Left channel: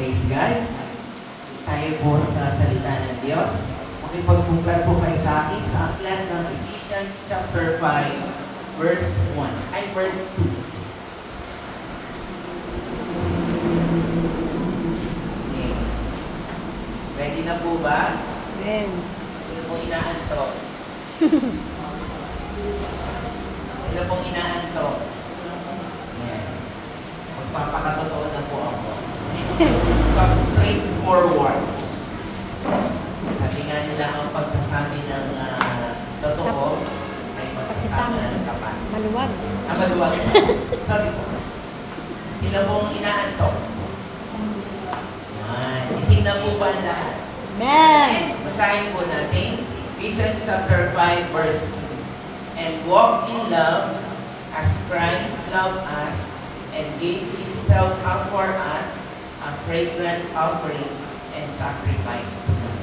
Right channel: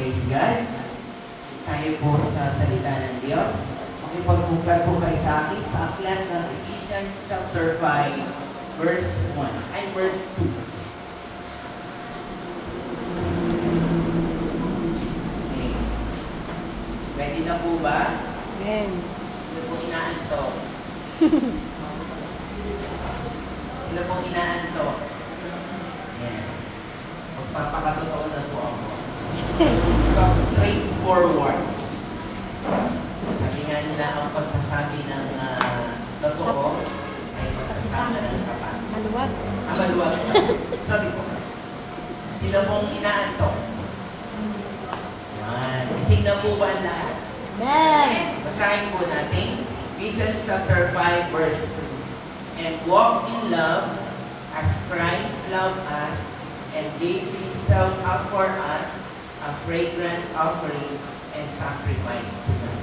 Praise God. Tayo po sa salita ng Diyos. Makipagbuklad po kayo sa akin sa aklat ng Ephesians chapter 5, verse 1. Ay, verse 2. Okay. Ready na po ba? Amen. Sino pong inaantok? Sino pong inaantok? Yeah. Magpapakatotoo na po ako. Come straight forward. Sabi nga nila ang pagsasabi ng totoo ay pagsasabi ng tapat. Maluwag. Maluwag. Sabi ko. Sila pong inaantok. Ising na po ba ang lahat? Amen. Basahin po natin. Ephesians chapter 5 verse 2. And walk in love as Christ loved us and gave Himself up for us, a fragrant offering and sacrifice to God.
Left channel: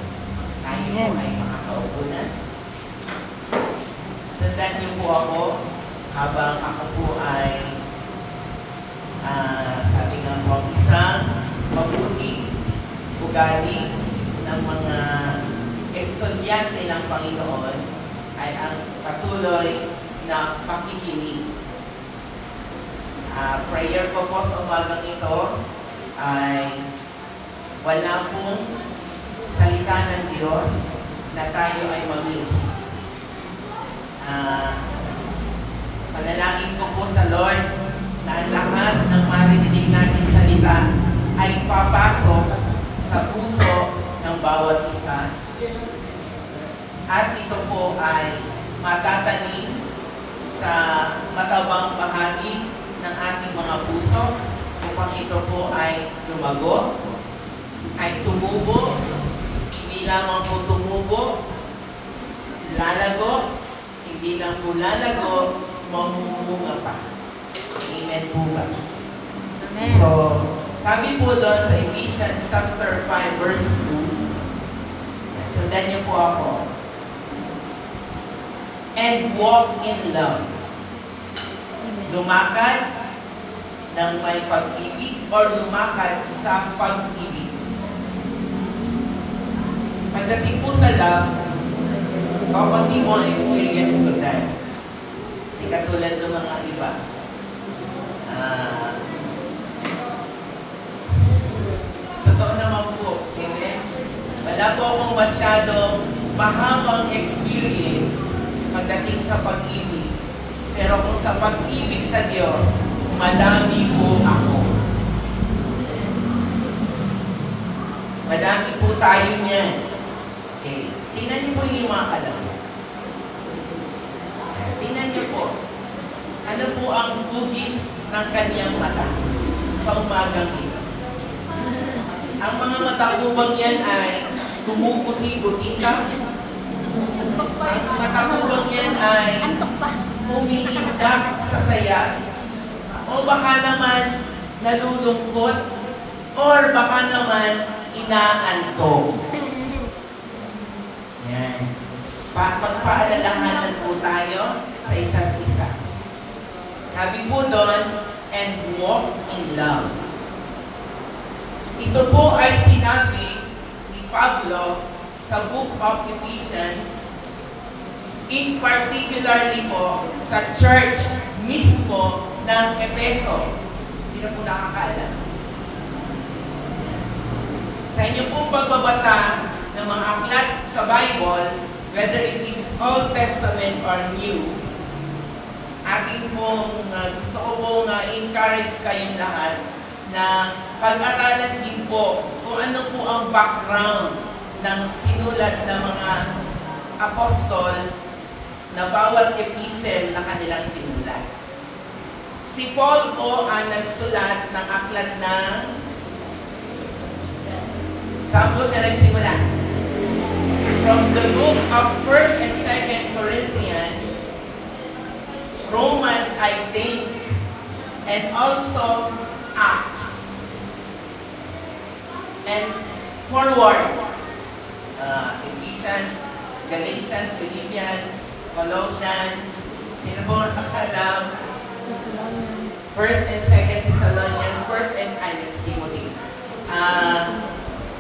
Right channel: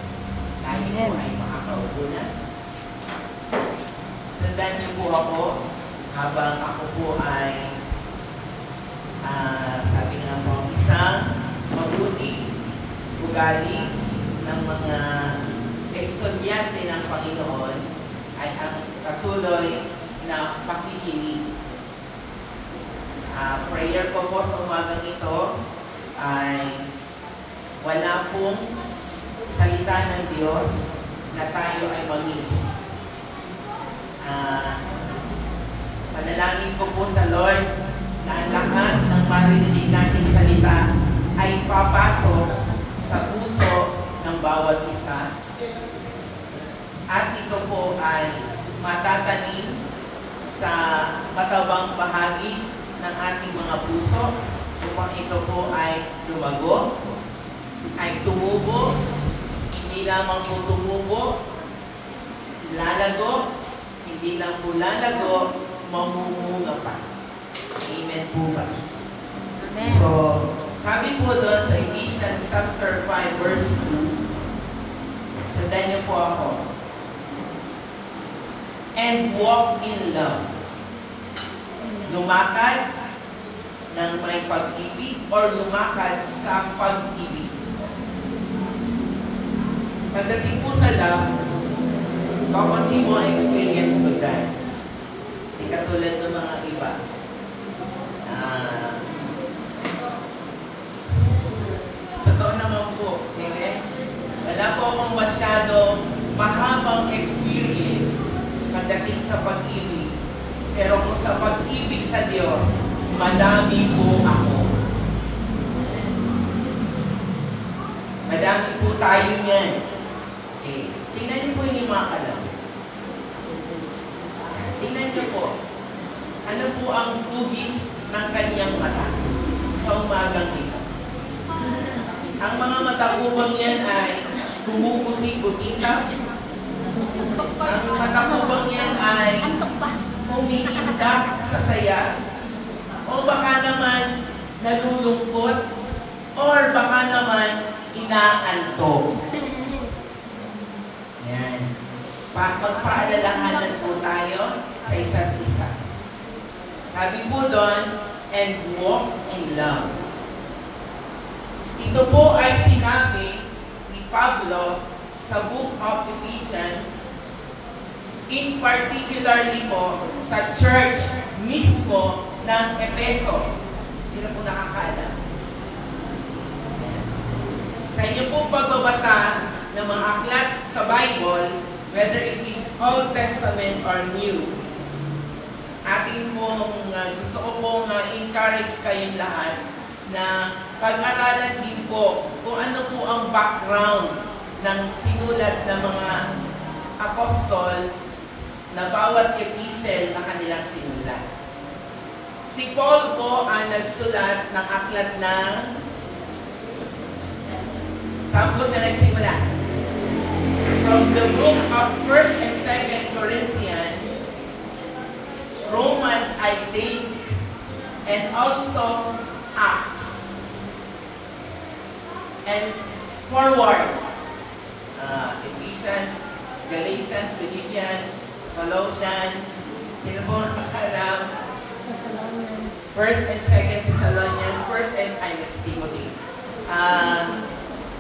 Tayo po ay makakaupo na. Sundan niyo po ako habang ako po ay sabi nga po, isang mabuti ugali ng mga estudyante ng Panginoon ay ang patuloy na pakikinig. Prayer ko po sa umagang ito ay wala pong salita ng Diyos na tayo ay mag-miss. Panalangin ko po sa Lord na ang lahat ng maririnig natin salita ay papasok sa puso ng bawat isa. At ito po ay matatanim sa matabang bahagi ng ating mga puso upang ito po ay lumago, ay tumubo, hindi lamang po tumubo, lalago, hindi lang po lalago, mamumunga pa. Amen po ba? Amen. So, sabi po doon sa Ephesians chapter 5 verse 2, sundan niyo po ako. And walk in love. Lumakad ng may pag-ibig or lumakad sa pag-ibig. Pagdating po sa love, kaunti mo ang experience ko dyan. Hindi katulad ng mga iba. Totoo naman po, amen? Wala po akong masyadong mahabang experience pagdating sa pag-ibig. Pero kung sa pag-ibig sa Diyos, madami po ako. Madami po tayo niyan. Okay. Tingnan niyo po yung mga kalam. Tingnan niyo po. Ano po ang hugis ng kanyang mata sa umagang ito? Ang mga mata po bang yan ay gumuguti-guti ka? Ang mata po bang yan ay umiimbak sa saya? O baka naman nalulungkot? Or baka naman inaantok? Yan. Magpaalalahanan po tayo sa isa't isa. Sabi po doon, and walk in love. Ito po ay sinabi ni Pablo sa book of Ephesians, in particularly po sa church mismo ng Efeso. Sino po nakakaalam? Sa inyo po pagbabasa ng mga aklat sa Bible, whether it is Old Testament or New, ating pong gusto ko pong encourage kayong lahat na pag-aralan din po kung ano po ang background ng sinulat ng mga apostol na bawat epistle na kanilang sinulat. Si Paul po ang nagsulat ng aklat ng saan po siya nagsimula? From the book of 1st and 2nd Corinthians, Romans, I think, and also Acts. And forward, Ephesians, Galatians, Philippians, Colossians, sino po nakakalam? Thessalonians. 1st and 2nd Thessalonians, 1st and Timothy.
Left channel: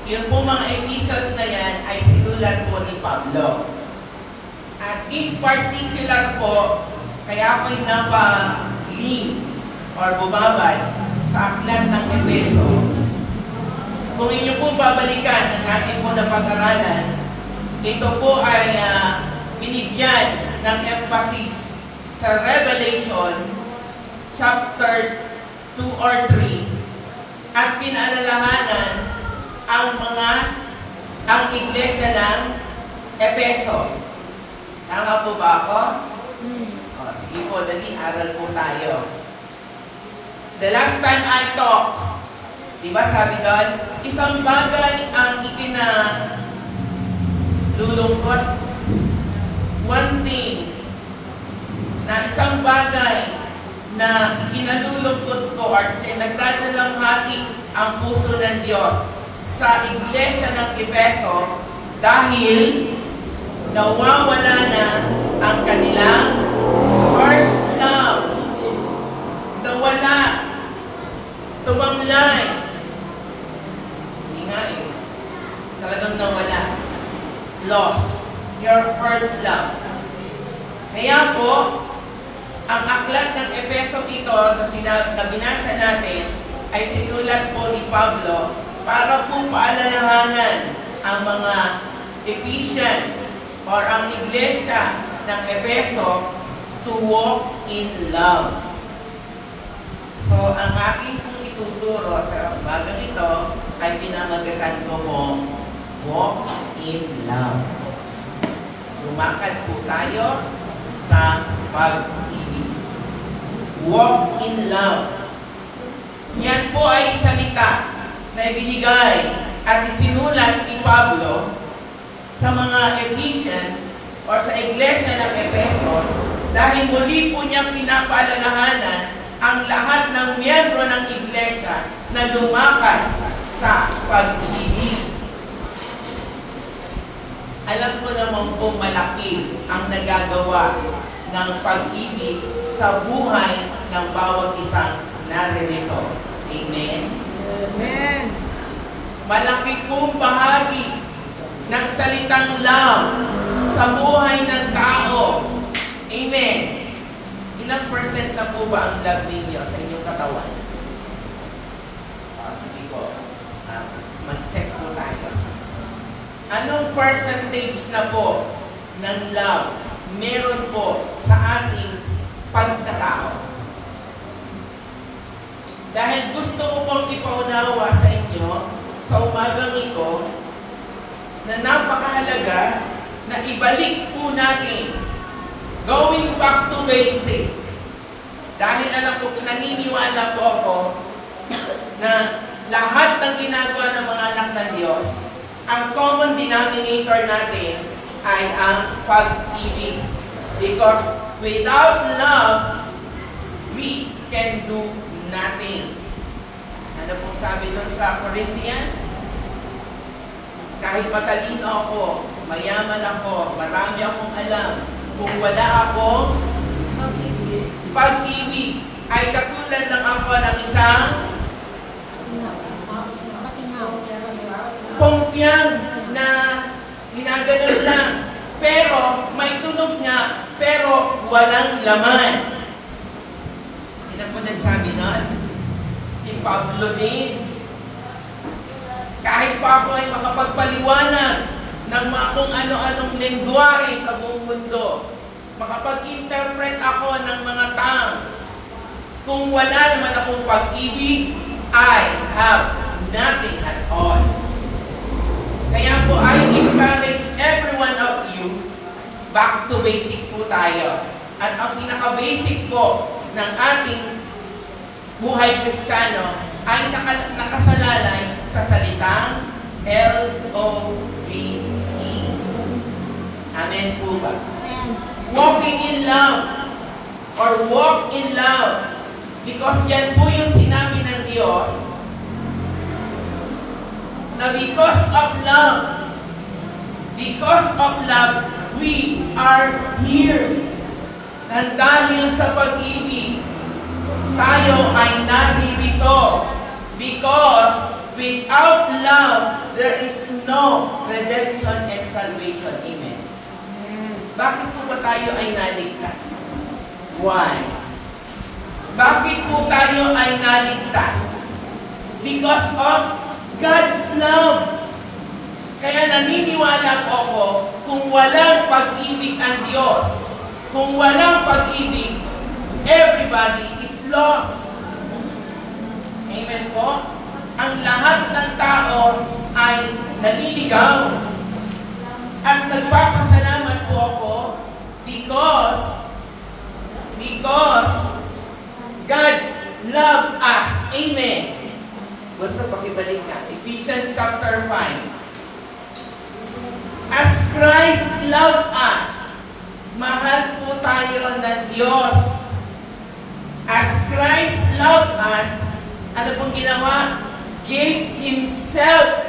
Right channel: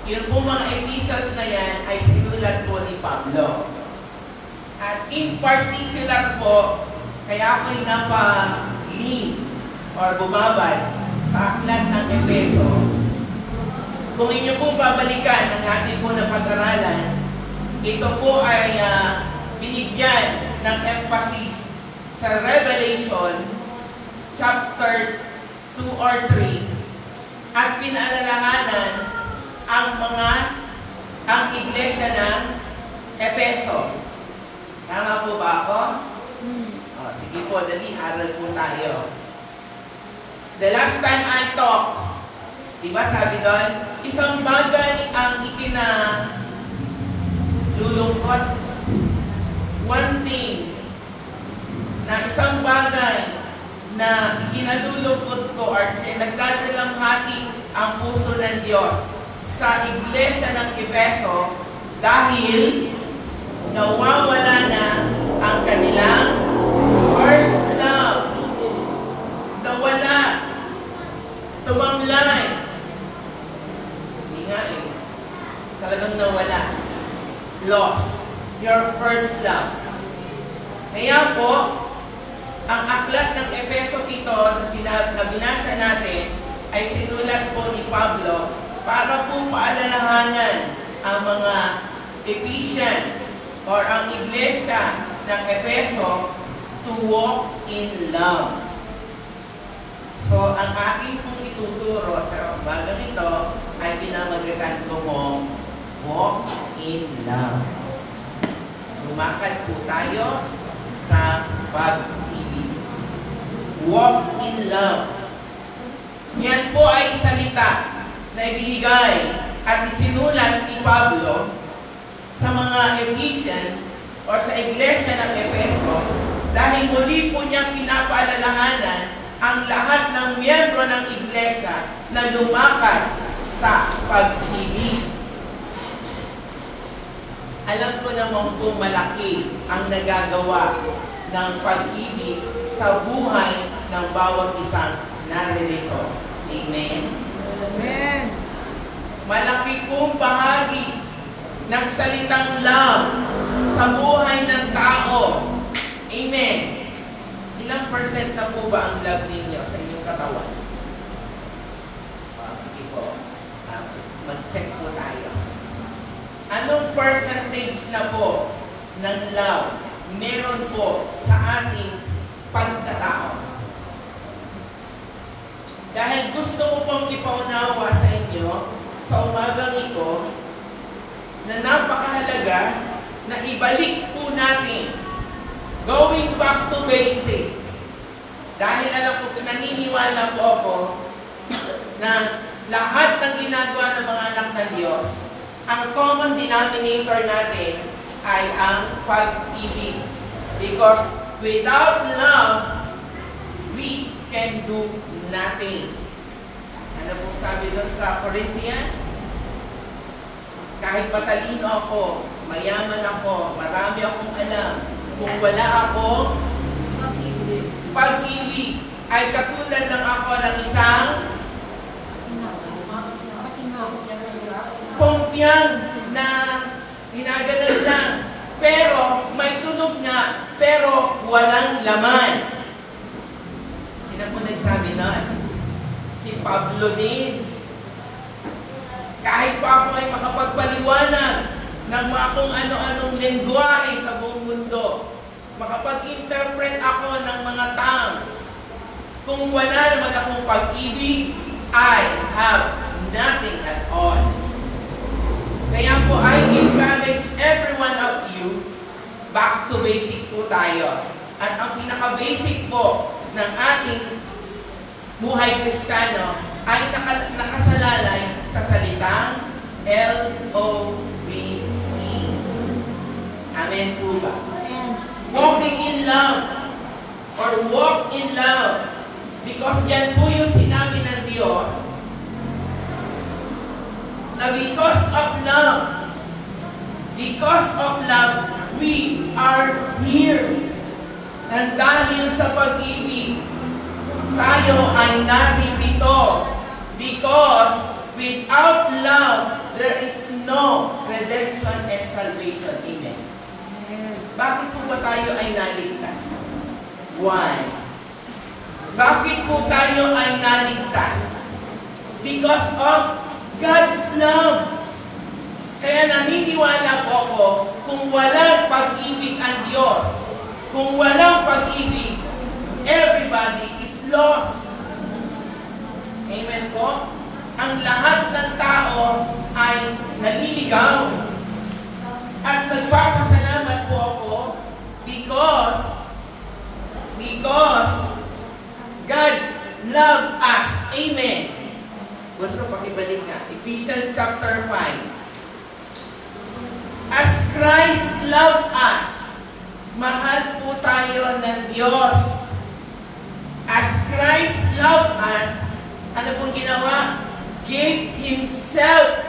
Yung po mga epistles na yan ay sinulat po ni Pablo. At in particular po, kaya ako'y napa-link or bumabad sa aklat ng Efeso. Kung inyo pong babalikan ang ating po na pag-aralan, ito po ay binigyan ng emphasis sa Revelation chapter 2 or 3 at pinaalalahanan ang iglesia ng Efeso. Tama po ba ako? Sige po, dali, aral po tayo. The last time I talked, di ba sabi doon, isang bagay ang ikinalulungkot. One thing, na isang bagay na ikinalulungkot ko or nagdadalang hati ang puso ng Diyos sa iglesia ng Efeso dahil nawawala na ang kanilang first love. Nawala. Tumamlay. Hindi nga eh. Talagang nawala. Lost. Your first love. Kaya po, ang aklat ng Efeso ito na binasa natin ay sinulat po ni Pablo para po paalalahanan ang mga Ephesians or ang iglesia ng Efeso to walk in love. So, ang aking pong ituturo sa umagang ito ay pinamagatan ko po, walk in love. Lumakad po tayo sa pag-ibig. Walk in love. Yan po ay salita na ibinigay at isinulat ni Pablo sa mga Ephesians o sa iglesia ng Efeso dahil muli po niyang pinapaalalahanan ang lahat ng miyembro ng iglesia na lumakad sa pag-ibig. Alam ko naman po malaki ang nagagawa ng pag-ibig sa buhay ng bawat isang naririto. Amen? Amen. Malaki pong bahagi ng salitang love sa buhay ng tao. Amen. Ilang percent na po ba ang love ninyo sa inyong katawan? Sige po. Mag-check po tayo. Anong percentage na po ng love meron po sa ating pagkatao? Dahil gusto ko pong ipaunawa sa inyo sa umagang ito na napakahalaga na ibalik po natin, going back to basic. Dahil alam ko, naniniwala po ako na lahat ng ginagawa ng mga anak ng Diyos, ang common denominator natin ay ang pag-ibig. Because without love, we can do nothing. Ano po sabi doon sa Corinthian? Kahit matalino ako, mayaman ako, marami akong alam, kung wala akong pag-ibig, ay katulad lang ako ng isang pongpyang na ginaganon lang. Pero may tunog nga, pero walang laman. Sino po nagsabi nun? Si Pablo din. Kahit pa ako ay makapagpaliwanag ng mga kung ano-anong lengguwahe sa buong mundo, makapag-interpret ako ng mga tongues, kung wala naman akong pag-ibig, I have nothing at all. Kaya po, I encourage every one of you, back to basic po tayo. At ang pinaka-basic po ng ating buhay Kristiyano ay nakasalalay sa salitang L-O-V-E. Amen po ba? Walking in love or walk in love, because yan po yung sinabi ng Diyos na because of love, we are here. And dahil sa pag-ibig, tayo ay naririto. Because without redemption and salvation. Amen. Amen. Bakit po ba tayo ay naligtas? Why? Bakit po tayo ay naligtas? Because of God's love. Kaya naniniwala po ako, kung walang pag-ibig ang Diyos, kung walang pag-ibig, everybody is lost. Amen po? Ang lahat ng tao ay naliligaw. At nagpapasalamat po ako because God's love us. Amen. Basta pakibalik nga. Ephesians chapter 5. As Christ loved us, mahal po tayo ng Diyos. As Christ loved us, ano pong ginawa? Gave Himself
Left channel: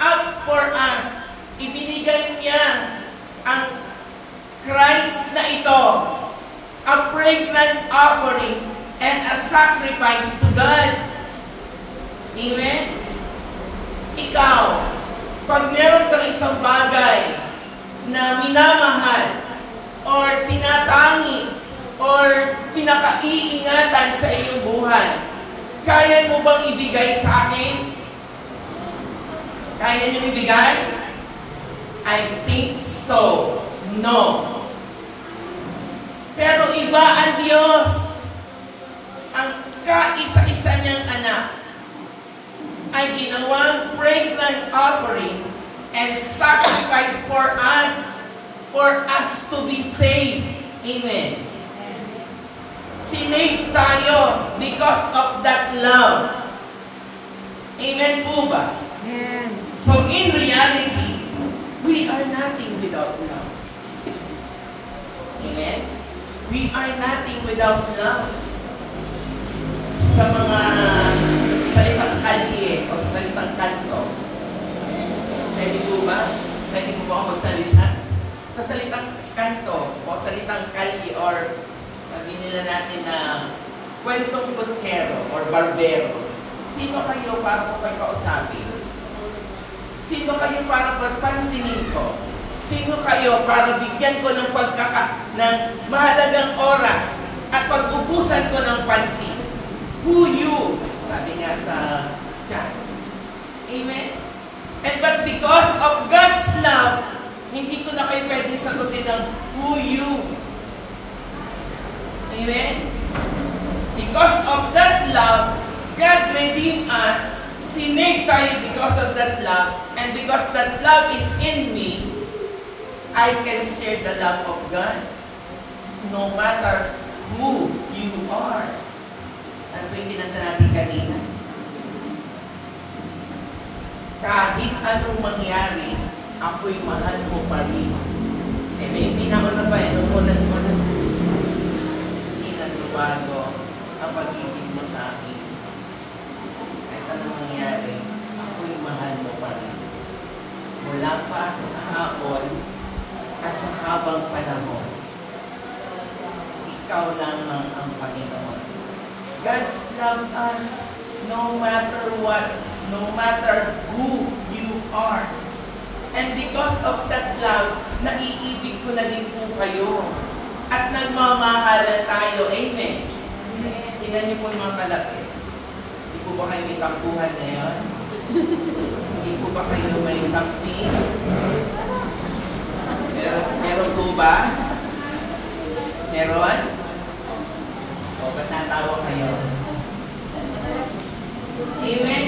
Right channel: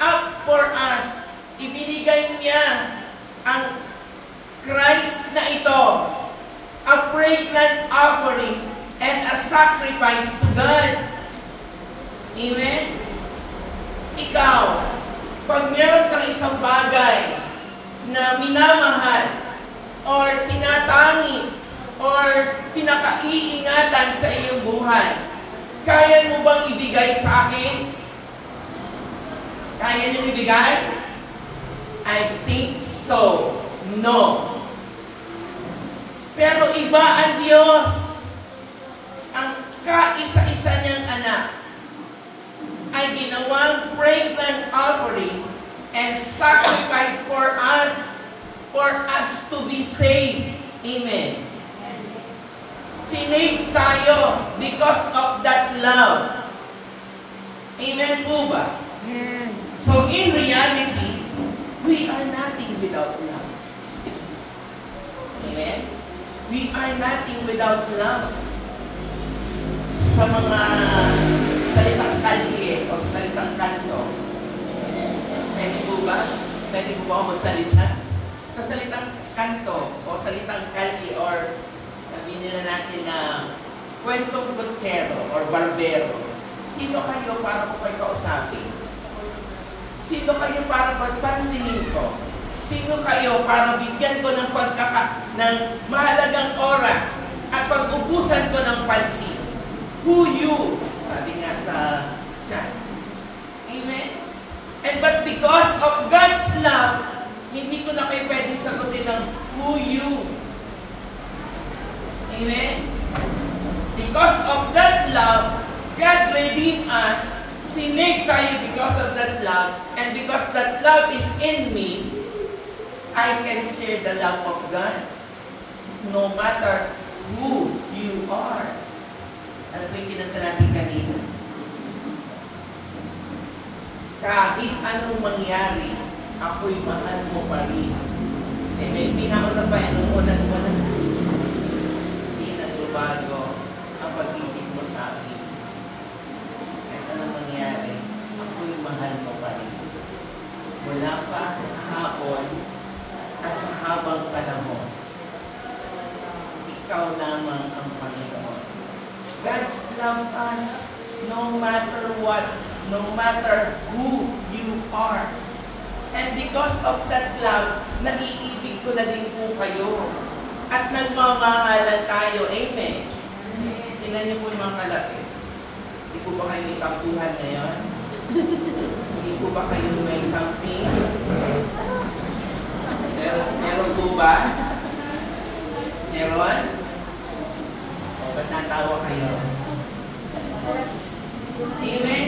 up for us. Ibinigay niya ang Christ na ito, a fragrant offering and a sacrifice to God. Amen? Ikaw, pag meron kang isang bagay na minamahal or tinatangi or pinakaiingatan sa iyong buhay, kaya mo bang ibigay sa akin? Kaya niyo ibigay? I think so. No. Pero iba ang Diyos. Ang kaisa-isa niyang anak ay ginawang fragrant offering and sacrifice for us to be saved. Amen. Sinave tayo because of that love. Amen po ba? Amen. So in reality, we are nothing without love. Amen? We are nothing without love. Sa mga salitang kalye o sa salitang kanto, pwede po ba? Pwede po ba ako magsalita? Sa salitang kanto o salitang kalye or sabihin nila natin na kwentong kutsero or barbero, sino kayo para ko kayo kausapin? Sino kayo para pagpansinin ko? Sino kayo para bigyan ko ng ng mahalagang oras at pag-ubusan ko ng pansin? Who you? Sabi nga sa chat. Amen? And but because of God's love, hindi ko na kayo pwedeng sagutin ng who you. Amen? Because of that love, God redeemed us. Sinave tayo because of that love. And because that love is in me, I can share the love of God. No matter who you are. Ano po yung kinanta natin kanina? Kahit anong mangyari, ako'y mahal mo pa rin. May pinakuna pa yan. Hindi na tumago ang pag-ibig mo sa akin. Kahit anong mangyari, ako'y mahal mo pa rin. Wala pa kahapon at sa habang panahon, ikaw lamang ang Panginoon. God's love us no matter what, no matter who you are. And because of that love, naiibig ko na din po kayo. At nagmamahalan tayo. Amen. Tingnan niyo po yung mga kalapit. Hindi po ba kayo may tampuhan ngayon? Hindi po ba kayo may something? Meron po ba? Meron? O, ba't natawa kayo? Amen?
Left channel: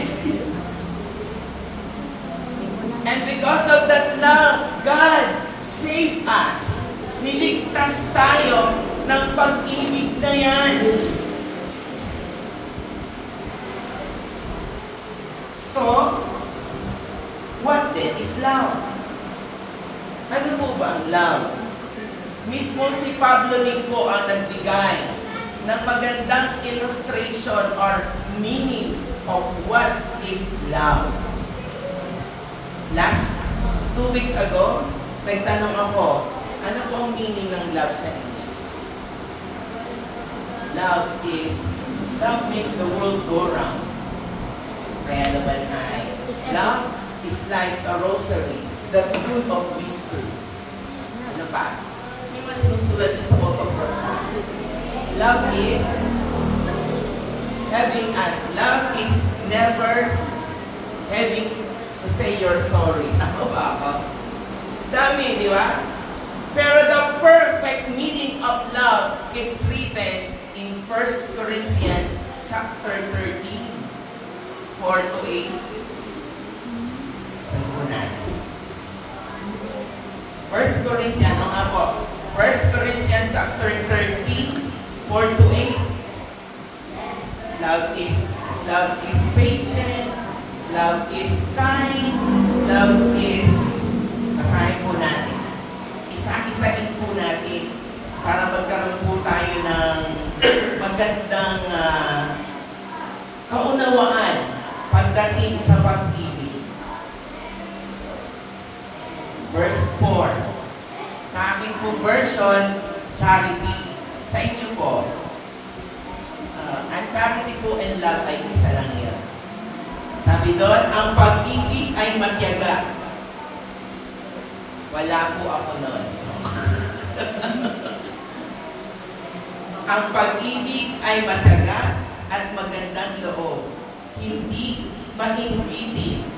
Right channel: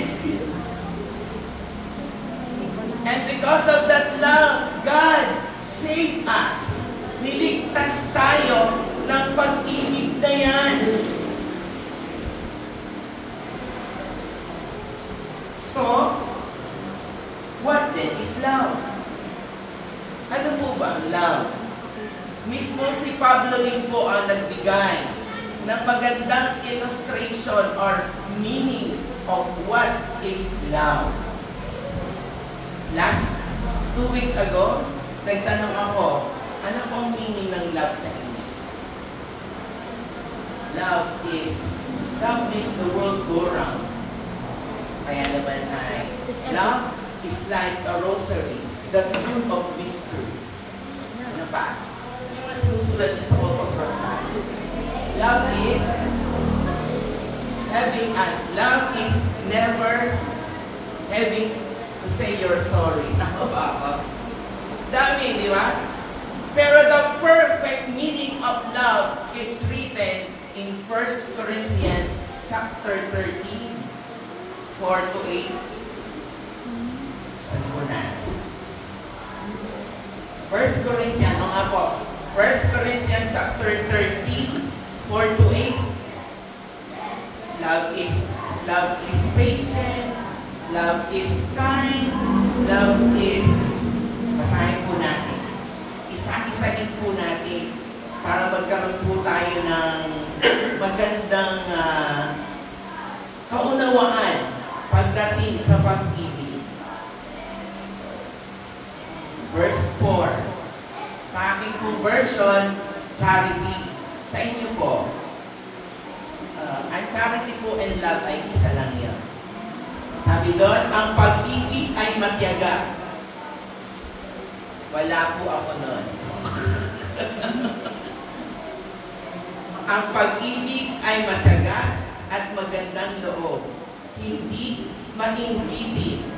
And because of that love, God saved us. Niligtas tayo ng pag-ibig na yan. So, what then is love? Ano po ba ang love? Mismo si Pablo rin po ang nagbigay ng magandang illustration or meaning of what is love. Last 2 weeks ago, nagtanong ako, ano po ang meaning ng love sa inyo? Love makes the world go round. Kaya naman ay, love is like a rosary. the fruit of wisdom. Ano pa? Yung mga sinusulat niyo sa mga pagkakita. Love is love is never having to say you're sorry. Tama ba ako? Dami, di ba? Pero the perfect meaning of love is written in 1 Corinthians chapter 13, 4-8. Saan po natin? 1 Corinthians, ano nga po? 1 Corinthians chapter 13, 4-8. Love is patient, love is kind, love is, basahin po natin. Isa-isahin po natin para magkaroon po tayo ng magandang kaunawaan pagdating sa pag-ibig. Verse 4. Sa aking po version, charity. Sa inyo po, ang charity po and love ay isa lang yun. Sabi doon, ang pag-ibig ay matyaga. Wala po ako noon. Ang pag-ibig ay matyaga at magandang loob. Hindi mainggitin.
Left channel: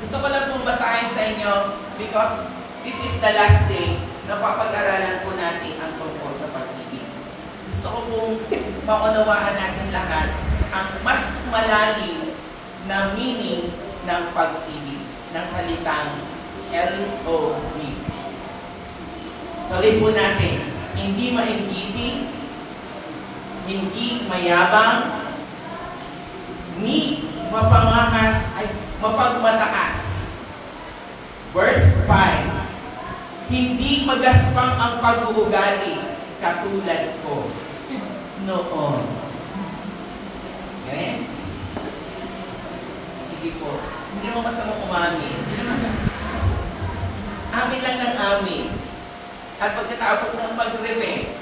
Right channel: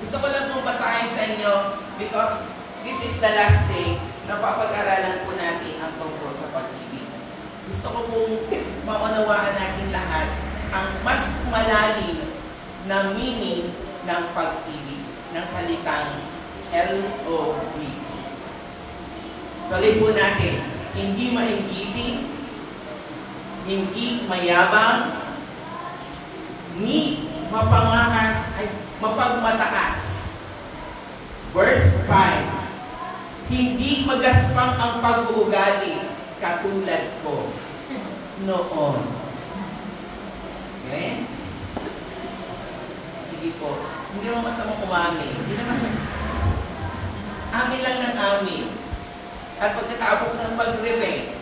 Gusto ko lang pong basahin sa inyo because this is the last day na papag-aralan po natin ang tungkol sa pag-ibig. Gusto ko pong maunawaan natin lahat ang mas malalim na meaning ng pag-ibig, ng salitang L-O-V. Tuloy po natin, hindi mainggitin, hindi mayabang, ni mapangahas ay mapagmataas. Verse 5, hindi magaspang ang pag-uugali katulad ko noon. Okay? Sige po. Hindi mo masamang umami. Hindi naman. Amin lang ng amin. At pagkatapos ng mag-repent,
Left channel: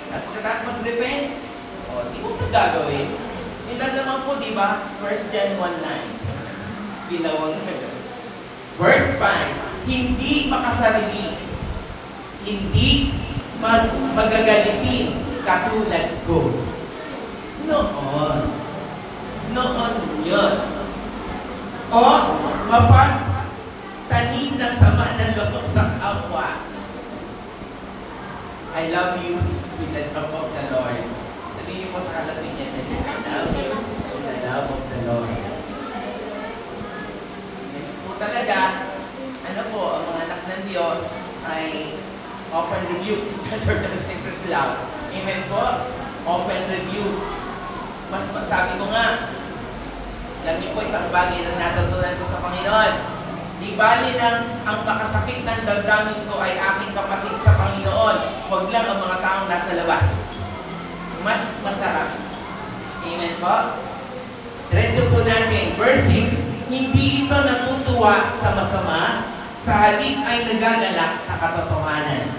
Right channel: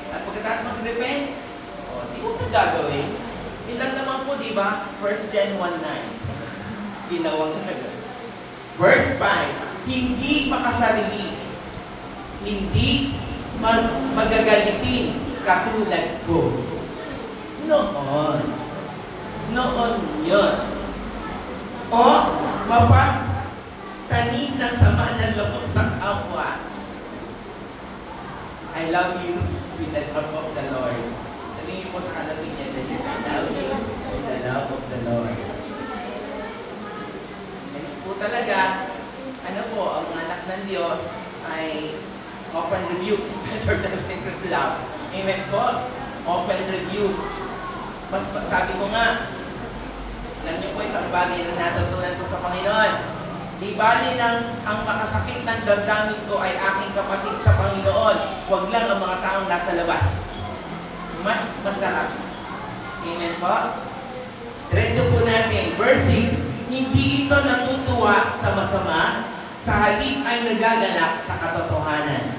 di mo po gagawin. Yun lang naman po, di ba? 1 John 1:9. Binawang na yun. Verse 5, hindi makasarili. Hindi magagalitin katulad ko. Noon. Noon yun. O mapagtanim ng sama ng loob sa kapwa. I love you with the love of the Lord. Sabihin mo sa kanapin niya, I love you with the love of the Lord. Po talaga, ano po, ang mga anak ng Diyos ay open rebuke is better than secret love. Amen po? Open rebuke. Mas sabi ko nga, yan niyo po isang bagay na natutunan ko sa Panginoon. Di bali lang ang makasakit ng damdamin ko ay aking kapatid sa Panginoon. Huwag lang ang mga taong nasa labas. Mas masarap. Amen po? Diretso po natin. Verse 6, hindi ito natutuwa sa masama, sa halip ay nagagalak sa katotohanan.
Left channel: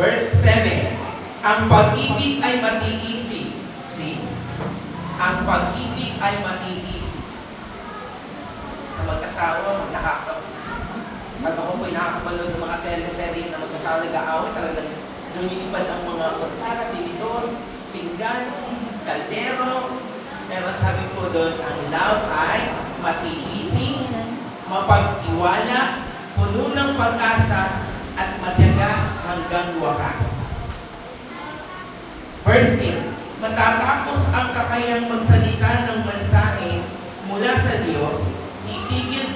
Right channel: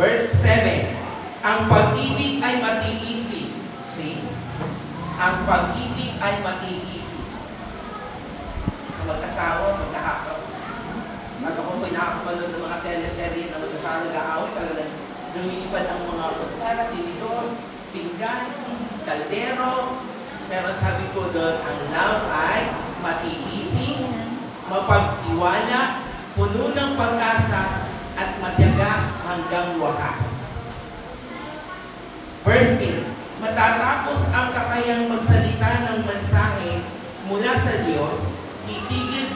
Verse 7, ang pag-ibig ay matiisi. See? Ang pag-ibig ay matiisi. Sa mag-asawa, pag ako po'y nakakapanood ng mga teleserye na mag-asawa nag-aaway, talagang lumilipad ang mga kutsara, tinidor, pinggan, kaldero. Pero sabi ko doon, ang love ay matiisi, mapagtiwala, puno ng pag-asa, at matyaga hanggang wakas. Verse 8, matatapos ang kakayang magsalita ng mensahe mula sa Diyos, titigil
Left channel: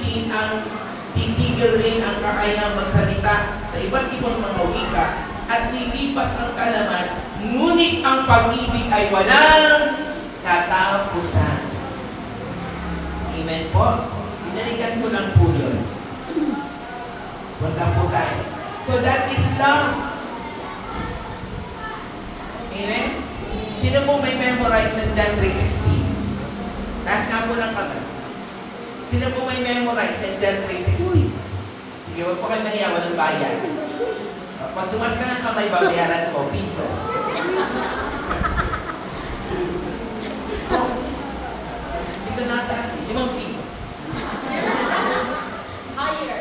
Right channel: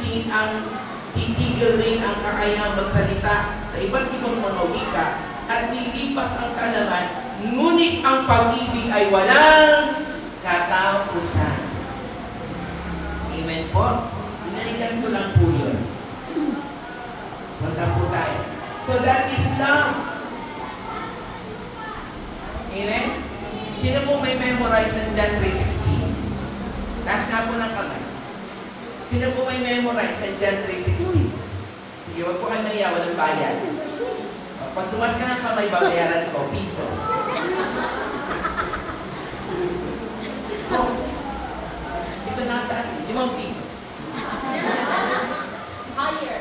rin ang kakayang magsalita sa iba't ibang mga wika at lilipas ang kaalaman, ngunit ang pag-ibig ay walang katapusan. Amen po? Binalikan ko lang po yun. Punta po tayo. So that is love. Amen? Sino po may memorize ng John 3:16? Taas nga po ng kamay. Sino po may memorize ng John 3:16? Sige, huwag po kayo mahiya, walang bayan. Pag tumas ka ng kamay, babayaran ko, piso. Dito nataas, 5 piso. Higher.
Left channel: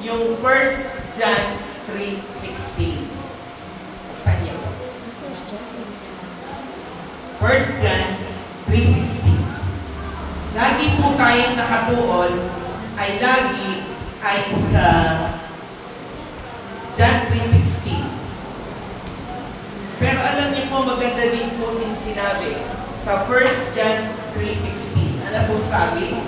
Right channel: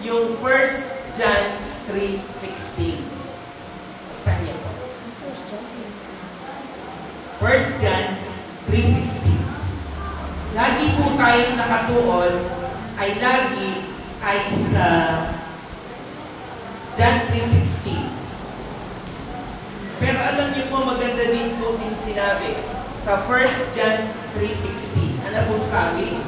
yung 1 John 3:16. Buksan niyo po. 1 John 3:16. Lagi po tayong nakatuon ay lagi ay sa John 3:16. Pero alam niyo po, maganda din po sinabi sa 1 John 3:16. Ano po sabi?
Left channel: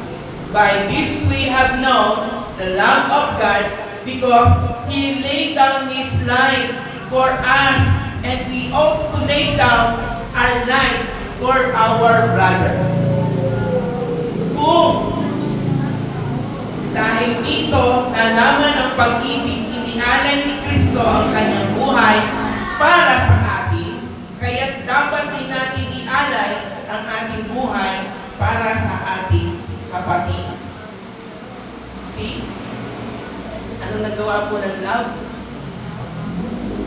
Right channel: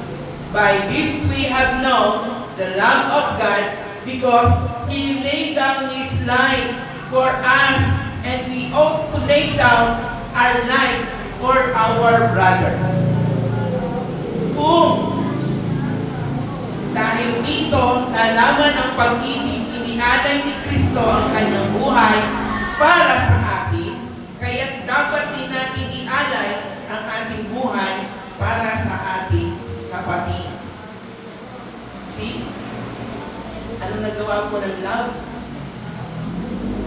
By this we have known the love of God because He laid down His life for us, and we ought to lay down our lives for our brothers. Kung dahil dito nalaman ang pag-ibig, inialay ni Kristo ang kanyang buhay para sa atin, kaya dapat din natin ialay ang ating buhay para sa ating kapatid. See? Ano nagawa po ng love?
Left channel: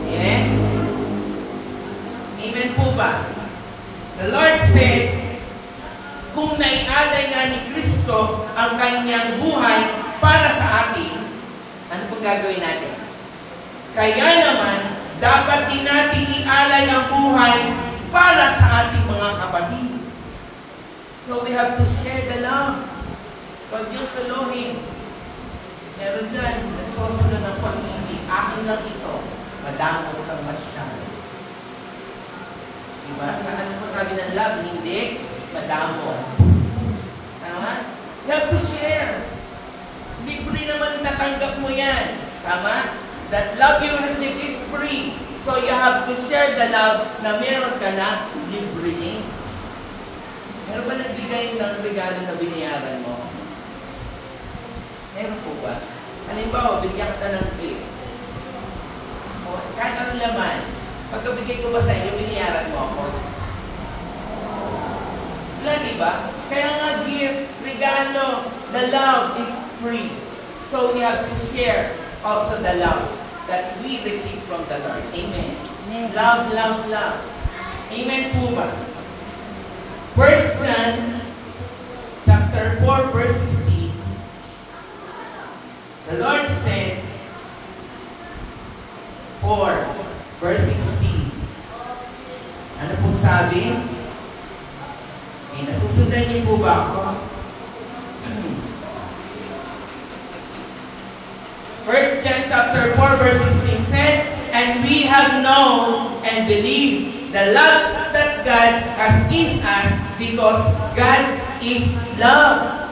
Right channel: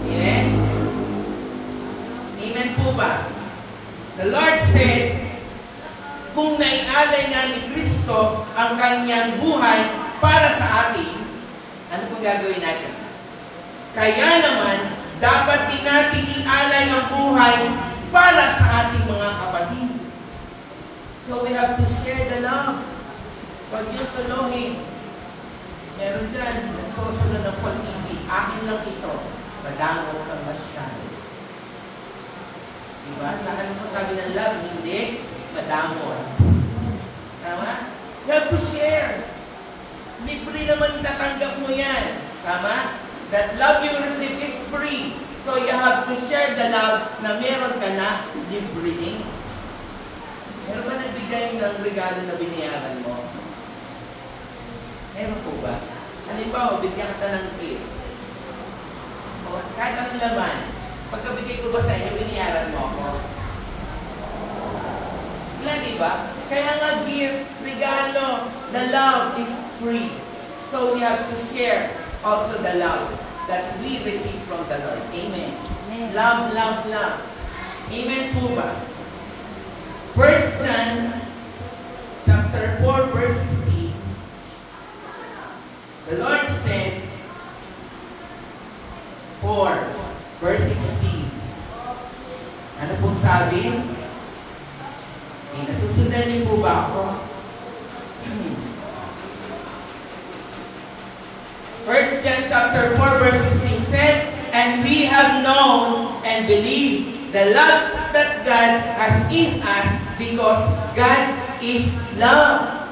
Amen? Amen po ba? The Lord said, kung naialay nga ni Kristo ang kanyang buhay para sa atin, ano pong gagawin natin? Kaya naman, dapat din natin ialay ang buhay para sa ating mga kapatid. So we have to share the love. Huwag yung salohin. Meron dyan, nagsosunod ng pag-ibig. Akin lang ito. Madamo kang masyado. Diba? Saan po sabi ng love? Hindi. Madamo. Ano nga? You have to share. Libre naman tatanggap mo yan. Tama? That love you receive is free. So you have to share the love na meron ka na libre din. Meron ba nagbigay ng regalo na binayaran mo? Meron po ba? Halimbawa, bigyan kita ng gift. O kahit anong laman, pagkabigay ko ba sa inyo, binayaran mo ako? Wala, di ba? Kaya nga, gift, regalo, the love is free. So we have to share also the love that we receive from the Lord. Amen. Amen. Love, love, love. Amen po ba? 1 John chapter 4 verse 16. The Lord said, 4 verse 16. Ano po sabi? Okay, nasusundan niyo po ba ako? 1 John chapter 4 verse 16 said, and we have known and believed the love that God has in us because God is love.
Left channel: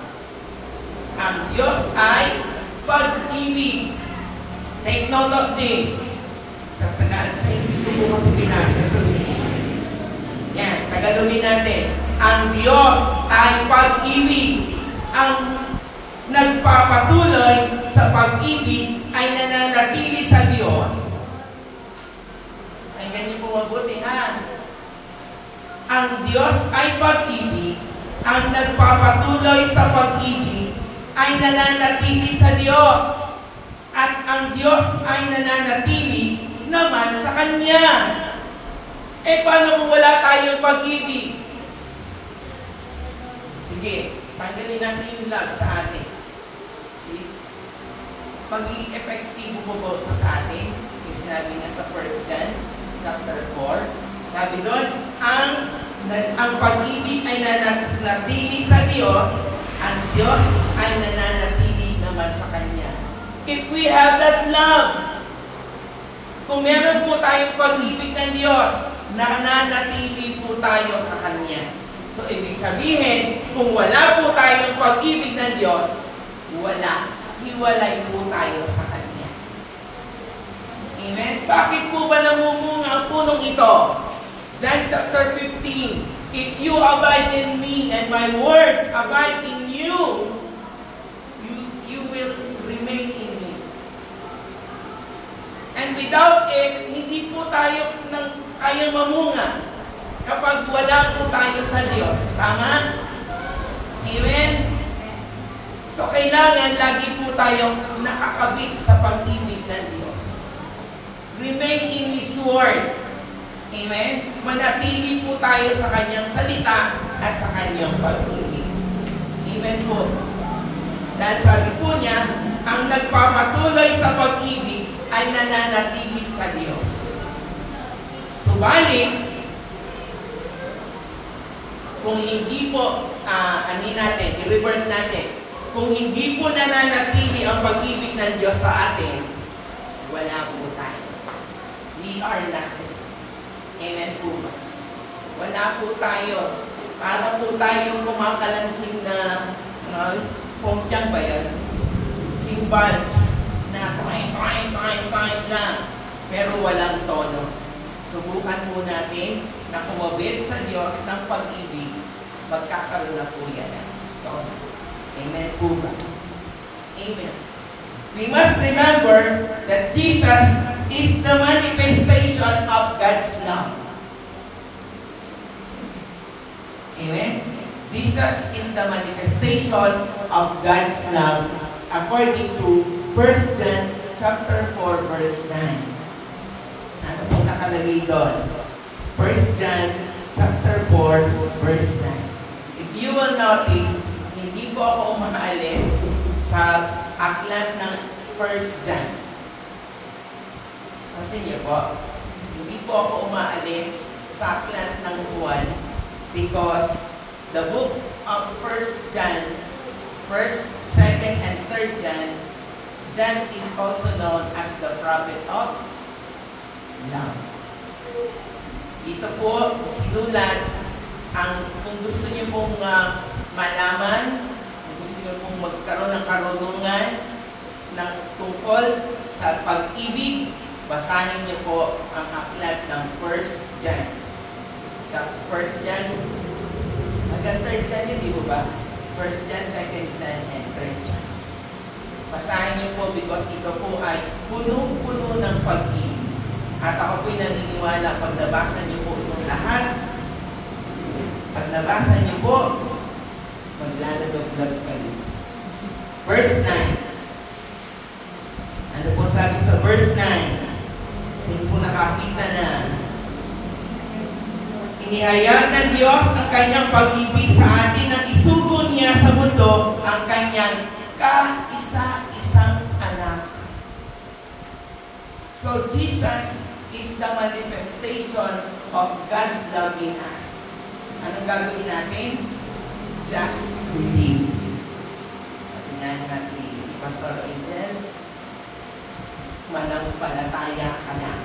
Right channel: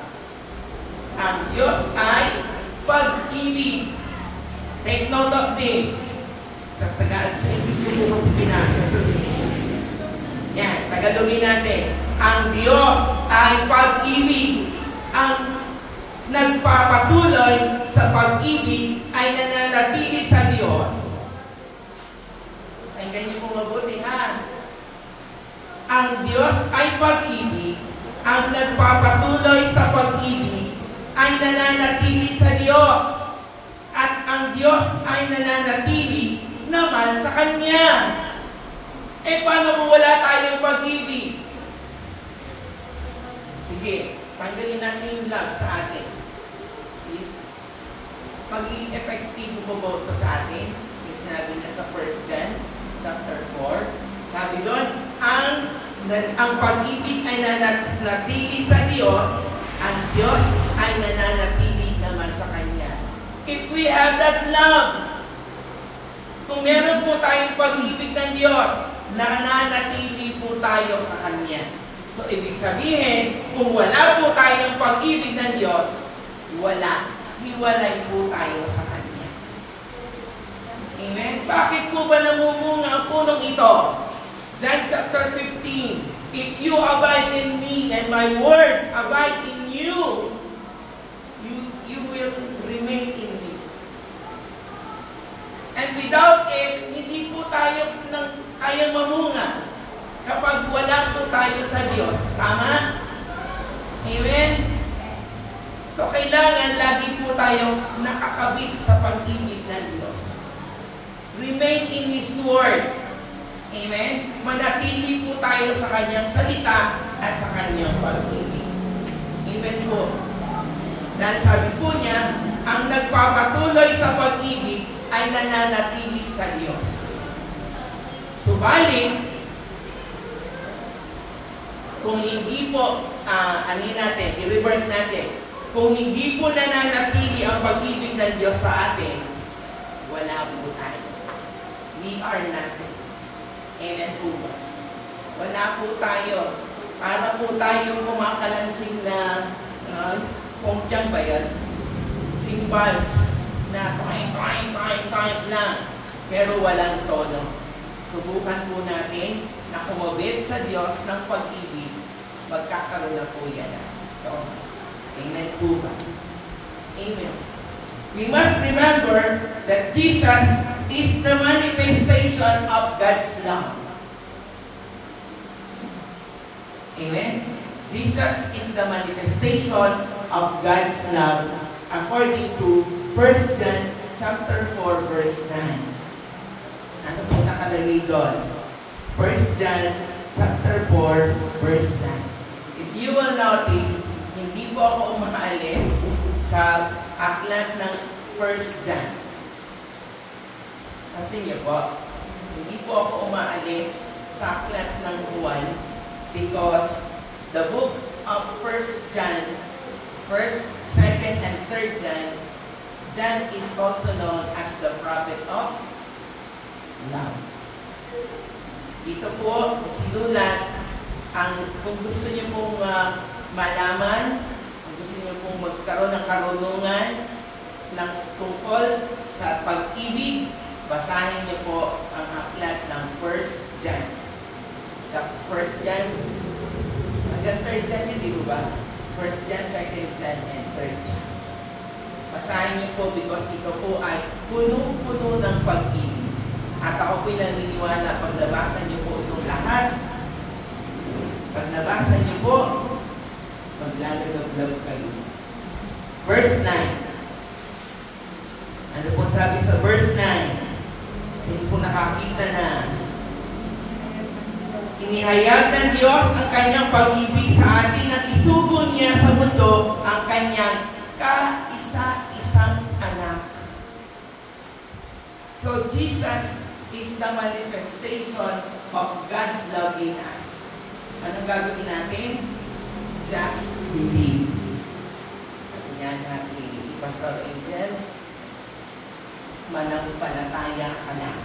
Ang Diyos ay pag-ibig. Take note of this. Sa Tagalog, sa English ko po kasi binasa. Yan, Tagalogin natin. Ang Diyos ay pag-ibig. Ang nagpapatuloy sa pag-ibig ay nananatili sa Diyos. Ay ganyan po mabuti, ha? Ang Diyos ay pag-ibig. Ang nagpapatuloy sa pag-ibig ay nananatili sa Diyos. At ang Diyos ay nananatili naman sa Kanya. Eh, paano kung wala tayong pag-ibig? Sige, tanggalin natin yung love sa atin. Magiging epektibo po ba ito sa atin? Yung sinabi niya sa 1 John chapter 4. Sabi doon, ang pag-ibig ay nananatili sa Diyos, ang Diyos ay nananatili naman sa Kanya. If we have that love, kung meron po tayong pag-ibig ng Diyos, nananatili po tayo sa Kanya. So, ibig sabihin, kung wala po tayong pag-ibig ng Diyos, wala. Hiwalay po tayo sa Kanya. Amen? Bakit po ba namumunga ang punong ito? John chapter 15. If you abide in me and my words abide in you, you will remain in me. And without it, hindi po tayo kayang mamunga kapag wala po tayo sa Diyos. Tama? Amen? So, kailangan lagi po tayo nakakabit sa pag-ibig ng Diyos. Remain in His Word. Amen? Manatili po tayo sa Kanyang salita at sa Kanyang pag-ibig. Amen po. Dahil sabi po niya, ang nagpapatuloy sa pag-ibig ay nananatili sa Diyos. Subalit, kung hindi po, i-reverse natin, kung hindi po nananatili ang pag-ibig ng Diyos sa atin, wala po tayo. We are nothing. Amen po ba? Wala po tayo. Para po tayong kumakalansing na, pongkyang ba yan? Cymbals na toy lang. Pero walang tono. Subukan po natin na kumabit sa Diyos ng pag-ibig. Magkakaroon na po yan. Tono. Amen po ba? Amen. We must remember that Jesus is the manifestation of God's love. Amen? Jesus is the manifestation of God's love according to 1 John chapter 4 verse 9. Ano po nakalagay doon? 1 John chapter 4 verse 9. If you will notice, hindi po ako umaalis sa aklat ng 1 John. Pansin niyo po, hindi po ako umaalis sa aklat ng 1 because the book of 1 John, 1st, 2nd, and 3rd John, John is also known as the prophet of love. Dito po, sinulat ang, kung gusto niyo pong malaman, kung gusto niyo pong magkaroon ng karunungan ng tungkol sa pag-ibig, basahin niyo po ang aklat ng 1 John. Sa 1 John, hanggang 3rd John yun, di ba? 1 John, 2nd John, and 3rd John. Basahin niyo po because ito po ay punong-puno ng pag-ibig. At ako po'y naniniwala pag nabasa niyo po itong lahat, pag nabasa niyo po, maglalagab-lab kayo. Verse 9. Ano po sabi sa verse 9? Hindi po nakakita na inihayag ng Diyos ang kanyang pag-ibig sa atin nang isugo niya sa mundo ang kanyang kaisa-isang anak. So Jesus is the manifestation of God's love in us. Anong gagawin natin? Just believe. Sabi nga natin ni Pastor Angel, manampalataya ka lang.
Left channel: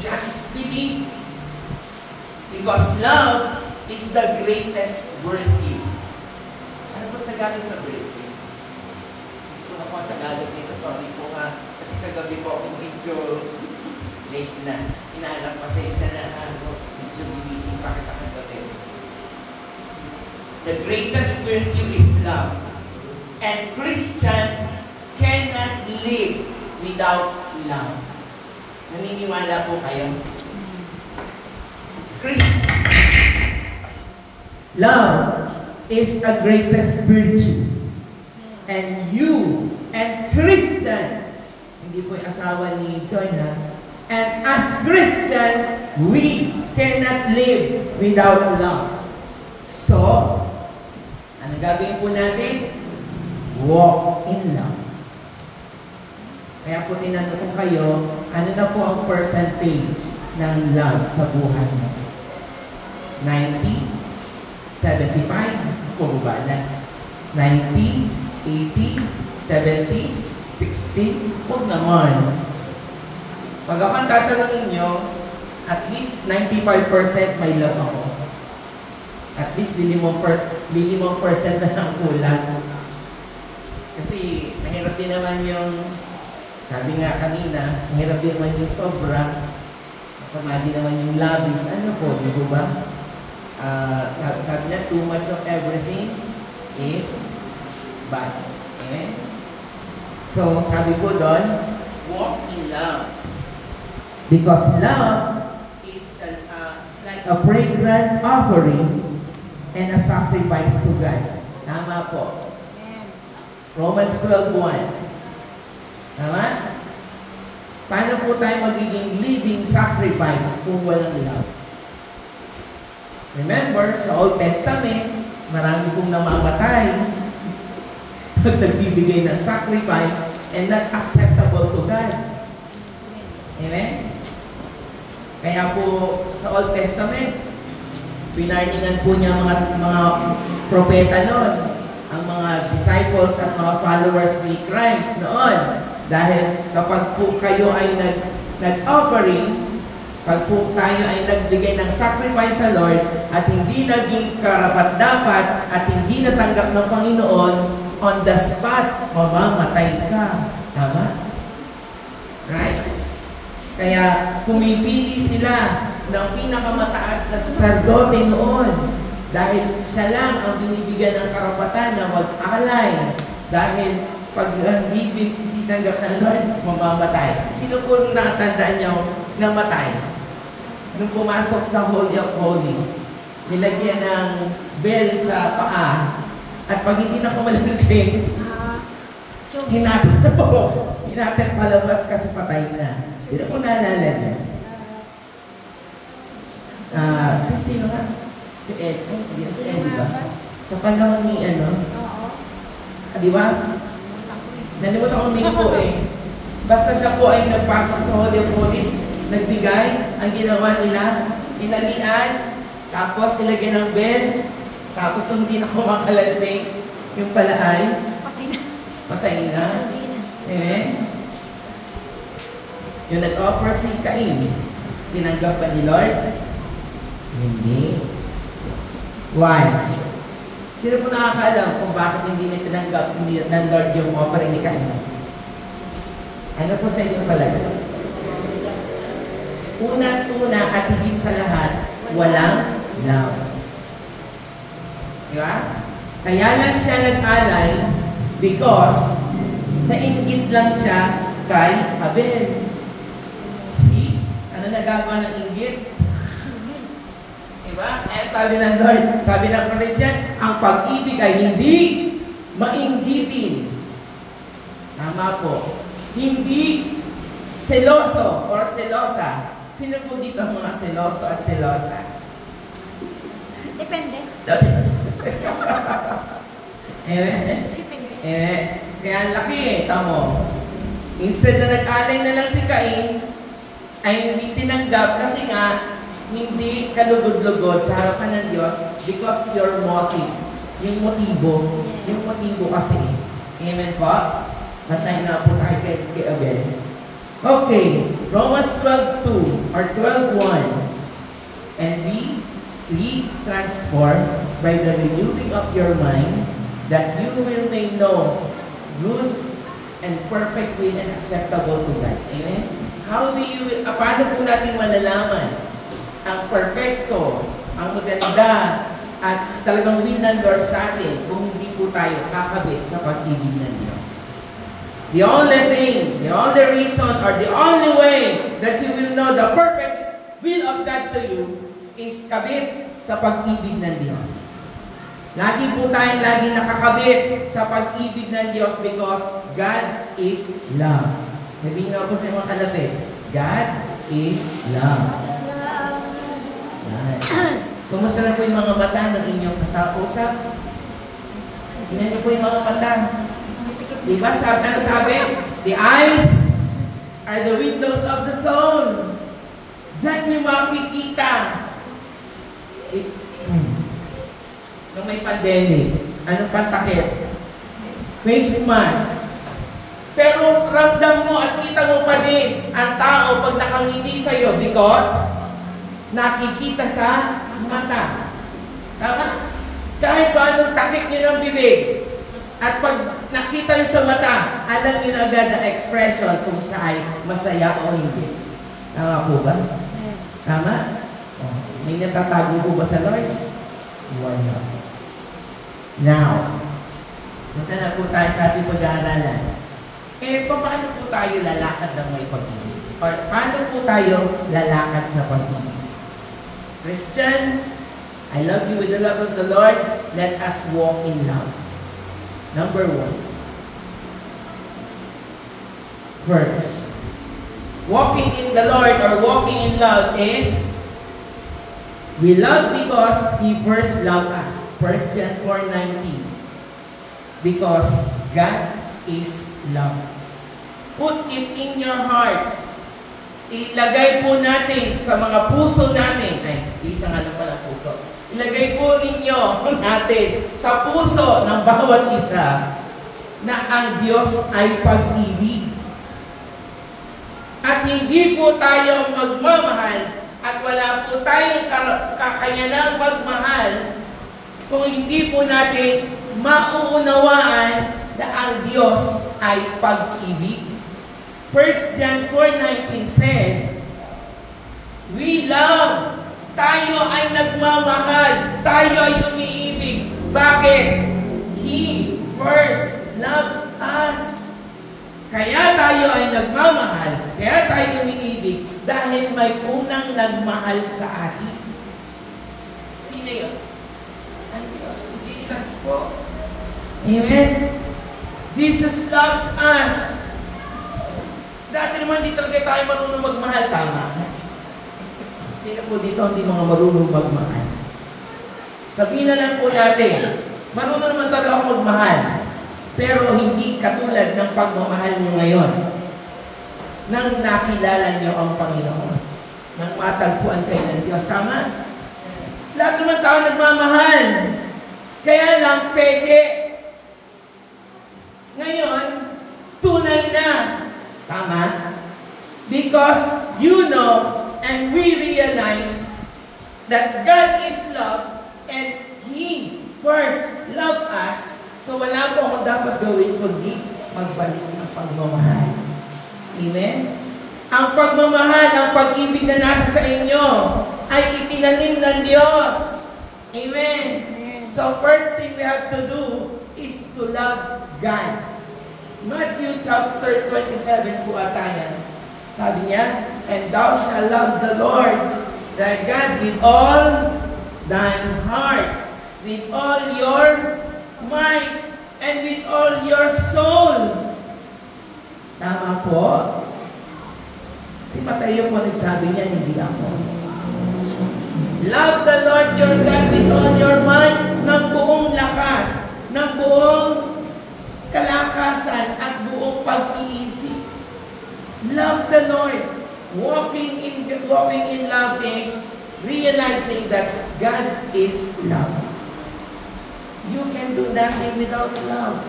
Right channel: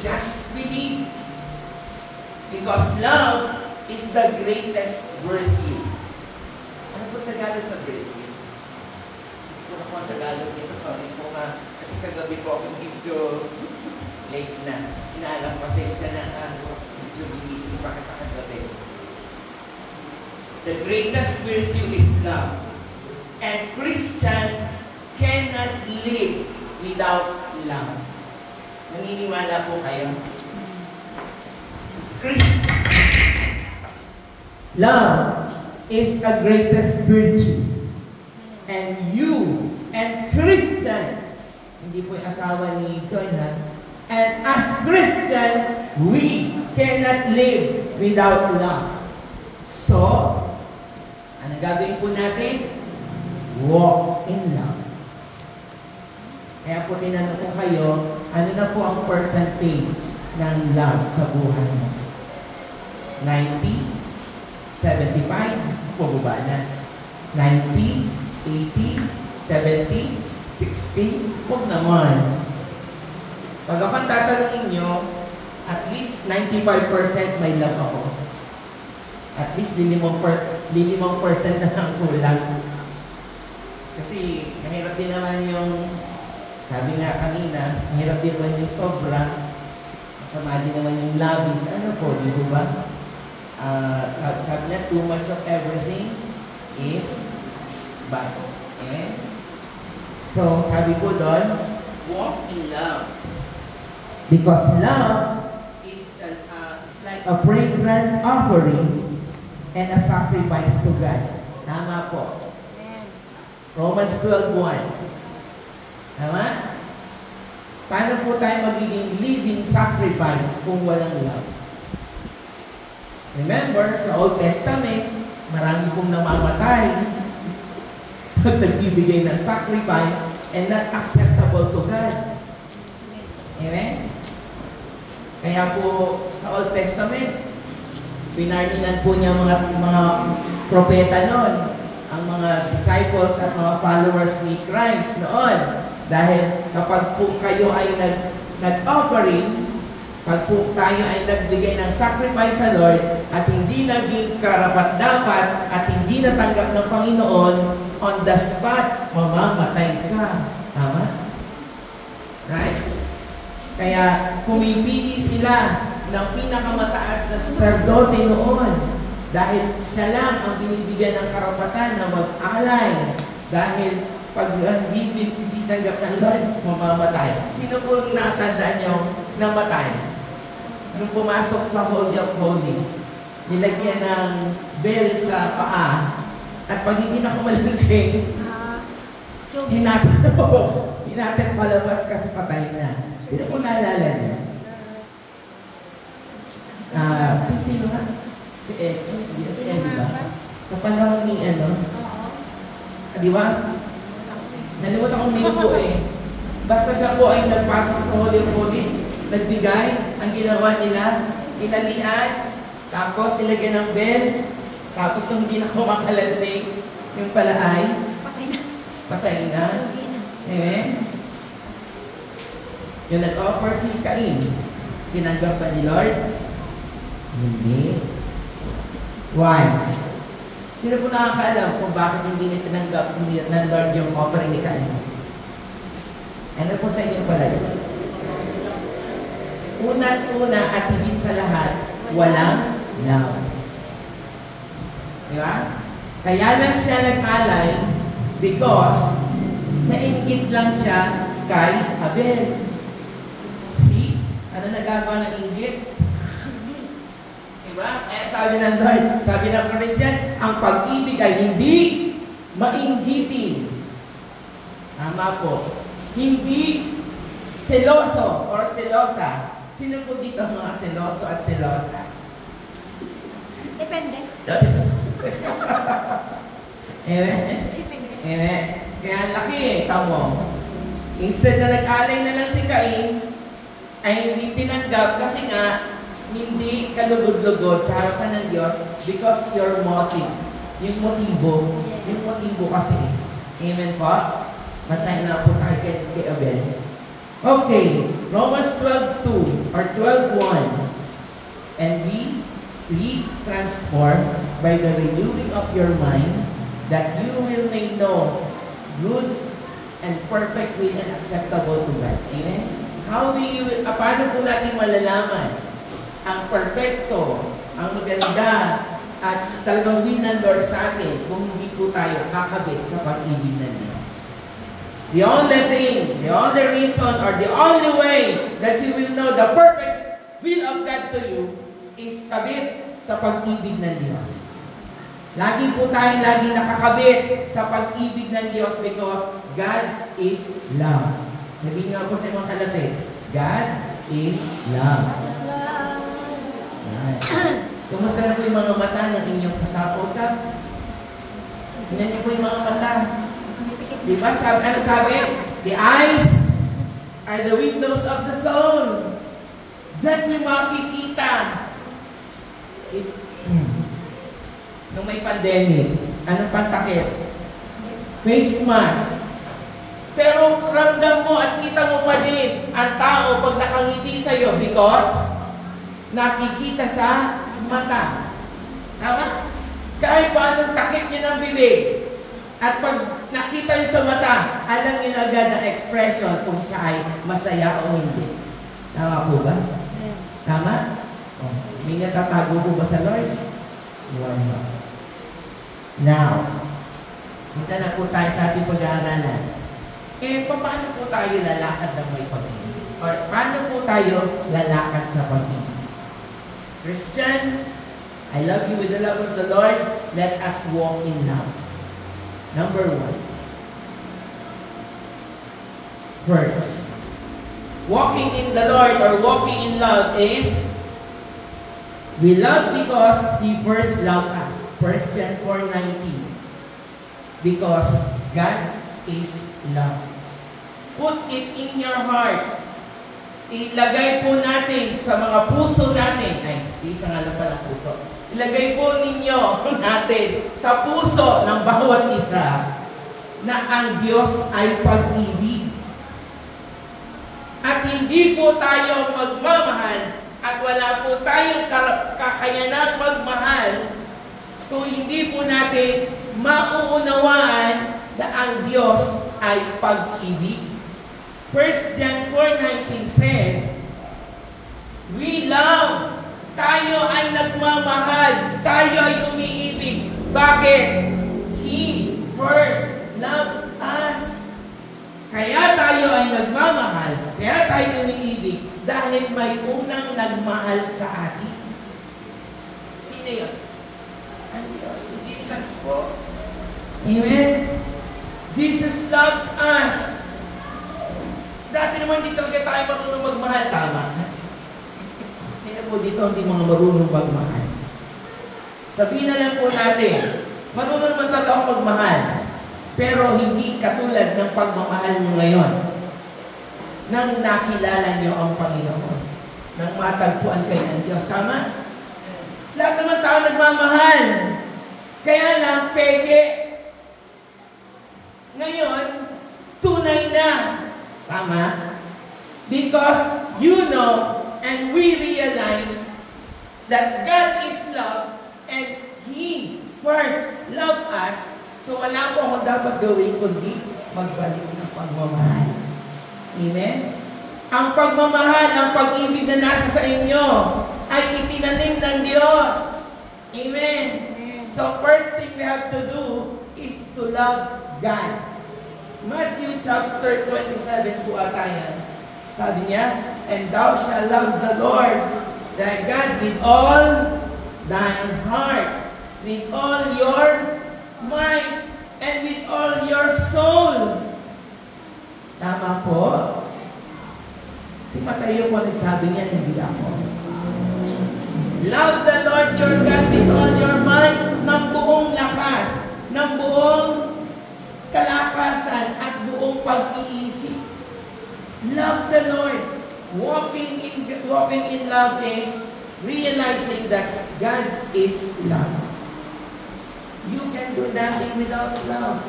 Just believe. Because love is the greatest virtue. Ano po Tagalog sa virtue? Hindi po na po ang Tagalog nito. Sorry po nga. Kasi kagabi po ako medyo late na. Inaalam pasensya na medyo bilising pa kita kagabi. The greatest virtue is love. And Christian cannot live without love. Naniniwala po kayo? Love is the greatest virtue. And you and Christian, hindi po yung asawa ni Joy na, and as Christian, we cannot live without love. So, ano gagawin po natin? Walk in love. Kaya po tinanong ko kayo, ano na po ang percentage ng love sa buhay mo? 90, 75, bumaba na. 90, 80, 70, 60, huwag naman. Pag ako ang tatanungin nyo, at least 95% may love ako. At least 5% na lang kulang. Kasi mahirap din naman yung, sabi nga kanina, mahirap din naman yung sobra, masama din naman yung labis. Ano po, di ba? Sabi niya, too much of everything is bad. Amen? So, sabi ko doon, walk in love. Because love is like a fragrant offering and a sacrifice to God. Tama po. Romans 12:1. Tama? Paano po tayo magiging living sacrifice kung walang love? Remember, sa Old Testament, marami pong namamatay. at nagbibigay ng sacrifice and not acceptable to God. Amen? Kaya po sa Old Testament, pinarningan po niya mga propeta noon, ang mga disciples at mga followers ni Christ noon. Dahil kapag po kayo ay nag-offering, pag po tayo ay nagbigay ng sacrifice sa Lord at hindi naging karapat-dapat at hindi natanggap ng Panginoon, on the spot, mamamatay ka. Tama? Right? Kaya pumipili sila ng pinakamataas na sacerdote noon dahil siya lang ang binibigyan ng karapatan na mag-alay dahil pag hindi tanggap ng Lord, mamamatay. Sino po natandaan niyo namatay? Nung pumasok sa Holy of Holies, nilagyan ng bell sa paa at pag hindi na kumalansing, hinatid palabas kasi patay na. Sino po naalala niya? Sino ka? Si Ed. Si Ed, di ba? Sa panahon ni di ba? Nalimutan ko niyo po eh. Basta siya po ay nagpasok sa Holy of Holies, nagbigay, ang ginawa nila, inalian, tapos nilagyan ng bell, tapos nung hindi na kumakalansing, yung pala ay patay na. Yung nag-offer si Cain, tinanggap ba ni Lord? Hindi. Why? Sino po nakakaalam kung bakit hindi na tinanggap ng Lord yung offering ni Cain? Ano po sa inyo pala yun? Una at higit sa lahat, walang love. Di ba? Kaya lang siya nag-alay because nainggit lang siya kay Abel. See? Ano nagagawa ng inggit? Diba? Sabi ng Lord, sabi ng Corinthian, ang pag-ibig ay hindi mainggitin. Tama po. Hindi seloso or selosa. Sino po dito ang mga seloso at selosa? Depende. Kaya laki tamo. Instead na nag-alay na lang si Cain, ay hindi tinanggap kasi nga hindi kalugod-lugod sa harapan ng Diyos because your motive. Yung motibo kasi. Amen po? Matay na po tayo kay Abel. Okay, Romans 12:2 or 12:1. And be transformed by the renewing of your mind, that you may know good and perfect will and acceptable to God. Amen? Paano po natin malalaman ang perfecto, ang maganda, at talagang will ng Lord sa atin kung hindi po tayo kakabit sa pag-ibig ng Diyos? The only thing, the only reason, or the only way that you will know the perfect will of God to you is kabit sa pag-ibig ng Diyos. Lagi po tayong nakakabit sa pag-ibig ng Diyos because God is love. Sabihin nga po sa mga kalapit, God is love. Kumusta na po yung mga mata ng inyong kasap-usap? Tingnan niyo po yung mga mata. Diba? Ano sabi? The eyes are the windows of the soul. Diyan yung makikita. Nung may pandemic, anong pantakip? Face mask. Pero ramdam mo at kita mo pa din ang tao pag nakangiti sa'yo because nakikita sa mata. Tama? Kahit pa anong takip niyo ng bibig at pag nakita niyo sa mata, alam niyo na agad ang expression kung siya ay masaya o hindi. Tama po ba? Tama? May natatago po ba sa Lord? Wala. Now, punta na po tayo sa ating pag-aaralan. Paano po tayo lalakad ng may pag-ibig? Or paano po tayo lalakad sa pag-ibig? Christians, I love you with the love of the Lord. Let us walk in love. Number 1. First, walking in the Lord or walking in love is we love because He first loved us. 1 John 4:19. Because God is love. Put it in your heart. Ilagay po natin sa mga puso natin. Ay, isa nga lang pala puso. Ilagay po ninyo natin sa puso ng bawat isa na ang Diyos ay pag-ibig. At hindi po tayo magmamahal at wala po tayong kakayanang magmahal kung hindi po natin mauunawaan na ang Diyos ay pag-ibig. 1 John 4:19 said, we love. Tayo ay nagmamahal. Tayo ay umiibig. Bakit? He first loved us. Kaya tayo ay nagmamahal. Kaya tayo umiibig. Dahil may unang nagmahal sa atin. Sino yun? Ang Diyos, si Jesus po. Amen? Jesus loves us. Dati naman di talaga tayo marunong magmahal. Tama. Sino po dito hindi mga marunong magmahal? Sabihin na lang po natin, marunong naman talaga ako magmahal. Pero hindi katulad ng pagmamahal mo ngayon. Nang nakilala niyo ang Panginoon. Nang matagpuan kayo ng Diyos. Tama? Lahat naman tao nagmamahal. Kaya lang, peke. Ngayon, tunay na. Tama? Because you know and we realize that God is love and He first loved us. So wala po akong dapat gawin kundi magbalik ng pagmamahal. Amen? Ang pagmamahal, ang pag-ibig na nasa sa inyo ay itinanim ng Diyos. Amen? So first thing we have to do is to love God. Matthew chapter 27 po ata yan. Sabi niya, and thou shalt love the Lord thy God with all thine heart, with all your mind, and with all your soul. Tama po? Si Mateo po nagsabi niya, hindi ako. Love the Lord your God with all your mind, ng buong lakas, ng buong kalakasan at buong pag-iisip. Love the Lord. Walking in love is realizing that God is love. You can do nothing without love.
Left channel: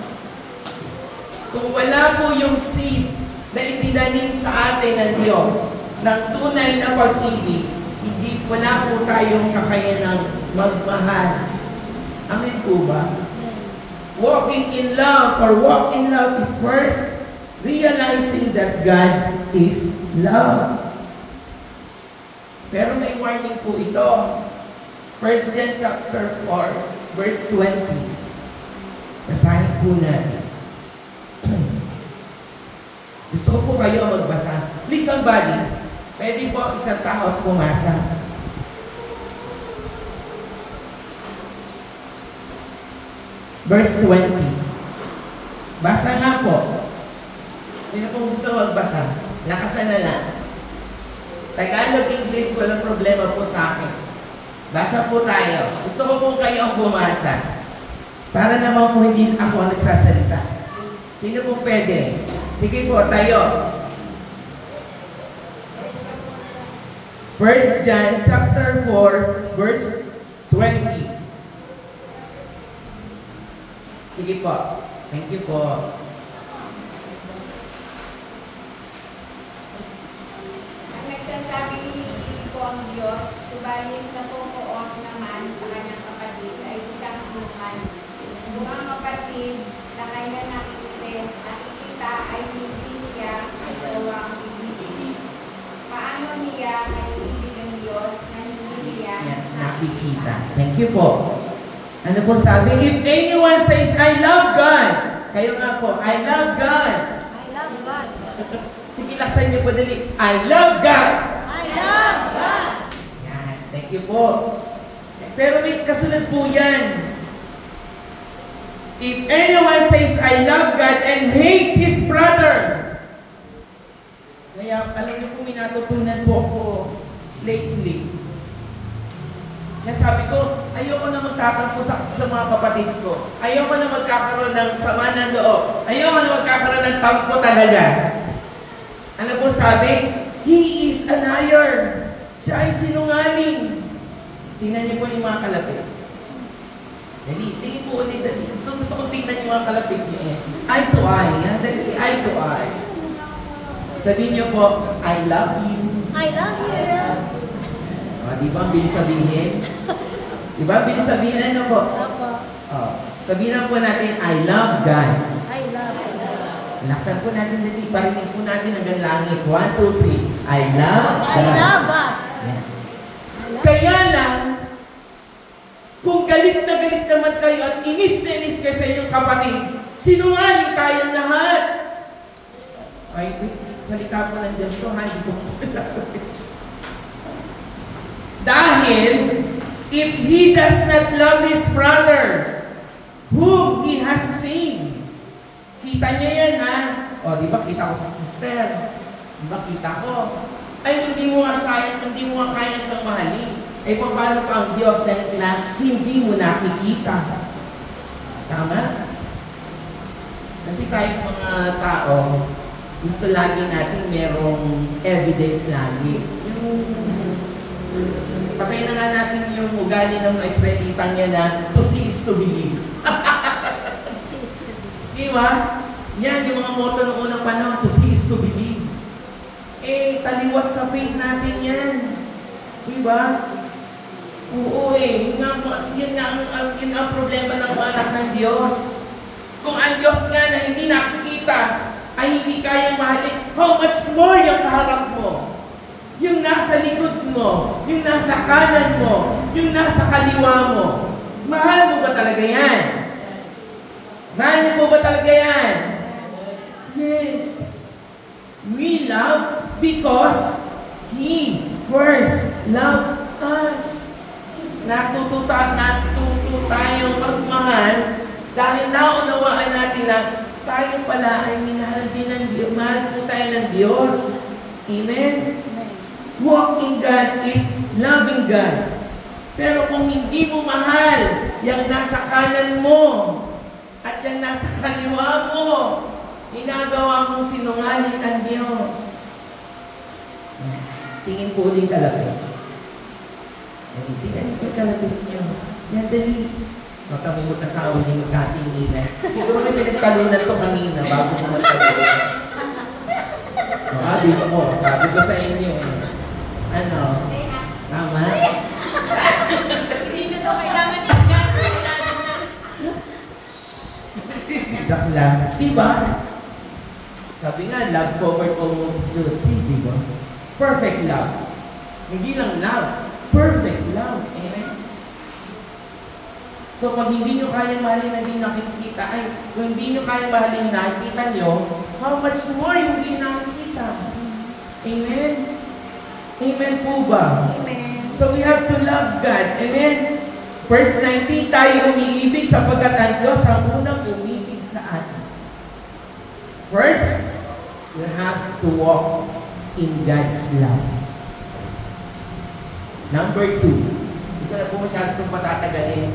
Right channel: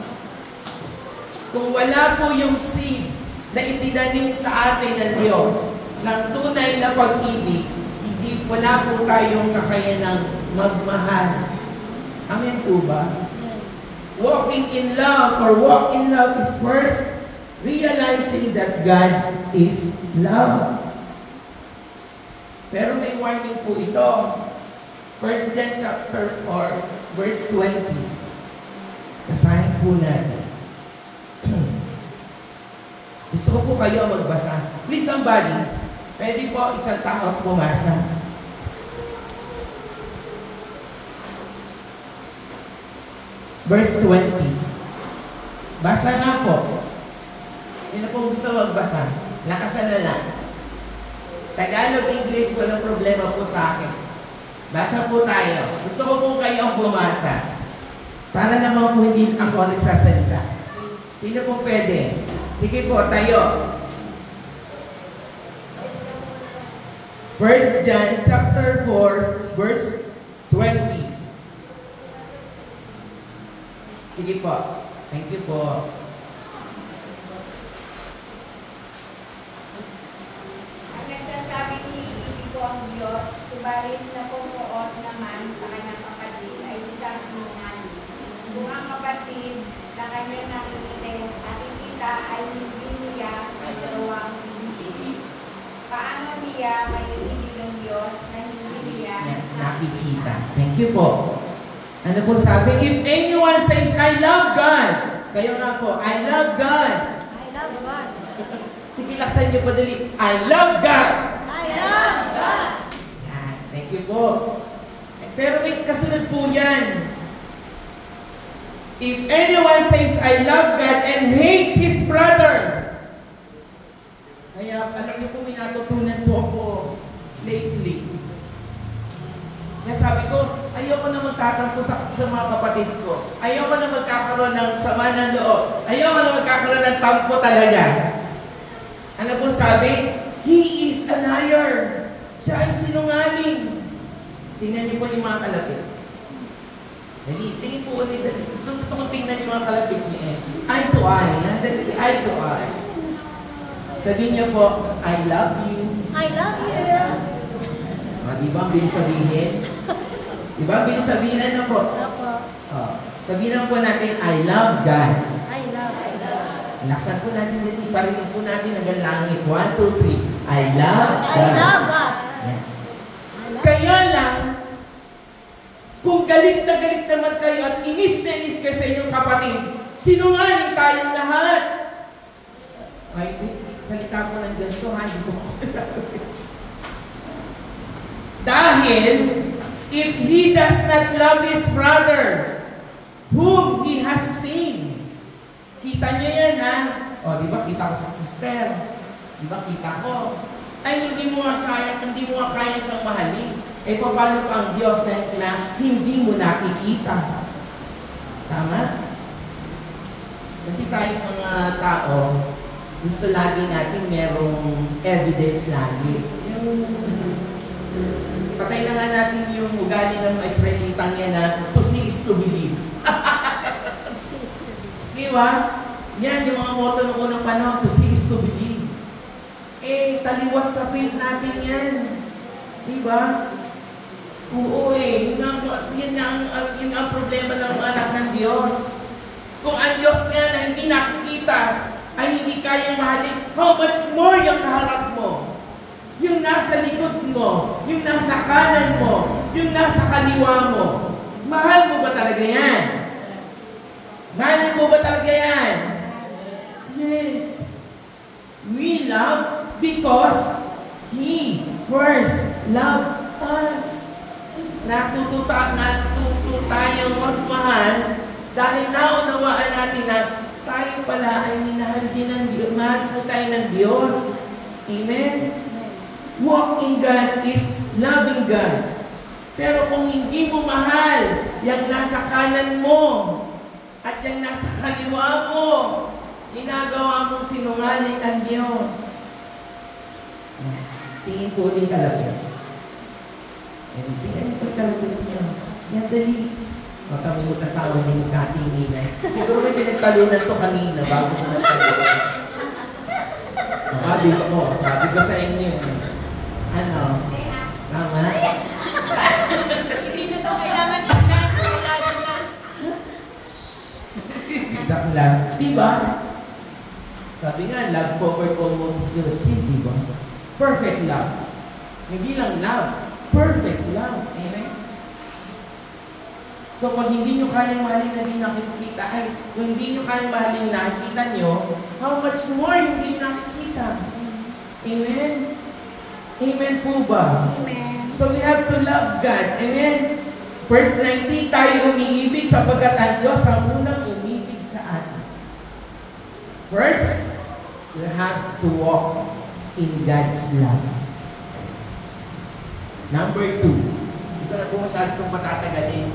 Kung wala po yung seed na itinanim sa atin ng Diyos ng tunay na pag-ibig, wala po tayong kakayanang magmahal. Amen po ba? Walking in love or walk in love is first realizing that God is love. Pero may warning po ito. 1 John chapter 4, verse 20. Basahin po natin. Gusto ko po kayo magbasa. Please somebody, pwede po isang tao pumasa. Verse 20. Basa nga po. Sino pong gusto magbasa? Lakasan na lang. Tagalog, English, walang problema po sa akin. Basa po tayo. Gusto ko po kayong bumasa. Para naman po hindi ako nagsasalita. Sino po pwede? Sige po, tayo. 1 John chapter 4, verse 20. Sige po. Thank you po. Ang nagsasabi ni ko ang Diyos, subalit napupuot naman sa kanyang kapatid ay isang sinungan. Kung ang kapatid na kanya nakikita ay hindi niya nagawang ibigin. Paano niya may ibig ng Diyos na hindi niya nakikita? Thank you po. Ano po sabi? If anyone says, I love God. Kayo nga po, I love God. I love God. Sige, laksan niyo po dali. I love God. I love God. Yan. Thank you po. Pero may kasunod po yan. If anyone says, I love God and hates his brother. Kaya, alam niyo po, may natutunan po ako lately. Kaya sabi ko, Ayoko na magtatampo sa mga kapatid ko. Ayoko na magkakaroon ng sama ng loob. Ayoko na magkakaroon ng tampo talaga. Ano po sabi? He is a liar. Siya ay sinungaling. Tingnan niyo po yung mga kalapit. Dali, tingin po ulit. Gusto ko tingnan yung mga kalapit niya. Eye to eye. Dali, eye to eye. Sabihin niyo po, I love you. I love you. Di ba ang bilis sabihin? Di ba ang bilis sabihin? Ano po? Opo. Sabihin lang po natin, I love God. I love you. Laksan po natin dito. Parinig po natin hanggang langit. 1, 2, 3. I love God. I love God. Yan. I love Kaya lang, kung galit na galit naman kayo at inis na inis kayo sa inyong kapatid, sinungaling tayong lahat. Ay, salita po ng Diyos to, ha? Hindi po dahil, if he does not love his brother, whom he has seen, kita niya yan, ha? O, di ba, kita ko sa sister. Di ba, kita ko. Ay, hindi mo nga kaya siyang mahalin. Eh, paano pa ang Diyos na hindi mo nakikita? Tama? Kasi tayong mga tao, gusto lagi natin merong evidence lagi. Patay na nga natin yung ugali ng mga Israelitang yan na to see is to believe. Diba? Yan, yung mga motto noong unang panahon, to see is to believe. Eh, taliwas sa faith natin yan. Diba? Oo yun ang problema ng mga anak ng Diyos. Kung ang Diyos nga na hindi nakikita, ay hindi kayang mahalin, how much more yung kaharap mo? Yung nasa likod mo, yung nasa kanan mo, yung nasa kaliwa mo. Mahal mo ba talaga yan? Mahal mo ba talaga yan? Yes. We love because He first loved us. Natuto tayong magmahal dahil naunawaan natin na tayo pala ay minahal din ng Diyos. Mahal po tayo ng Diyos. Amen? Walking God is loving God. Pero kung hindi mo mahal yung nasa kanan mo at yung nasa kaliwa mo, ginagawa mong sinungaling ang Diyos. Tingin po ulit kalapit. Tingnan po kalapit niyo. Yan, dali. Baka may mag-asawa niyo magkatingin na. Siguro may pinagtalunan to kanina bago mo magtalunan. Di ko, sabi ko sa inyo. Ano? Tama? Hindi na ito kailangan tingnan. Jack lang. Diba? Sabi nga, love covered all multitude of sins, diba? Perfect love. Hindi lang love. Perfect love. Amen? So, pag hindi nyo kayang mahalin na hindi nakikita, ay, kung hindi nyo kayang mahalin na nakikita nyo, how much more hindi nakikita? Amen? Amen po ba? Amen. So we have to love God. Amen? Verse 19, tayo umiibig sapagkat ang Diyos ang unang umibig sa atin. First, you have to walk in God's love. Number 2, hindi ko na po masyadong patatagalin.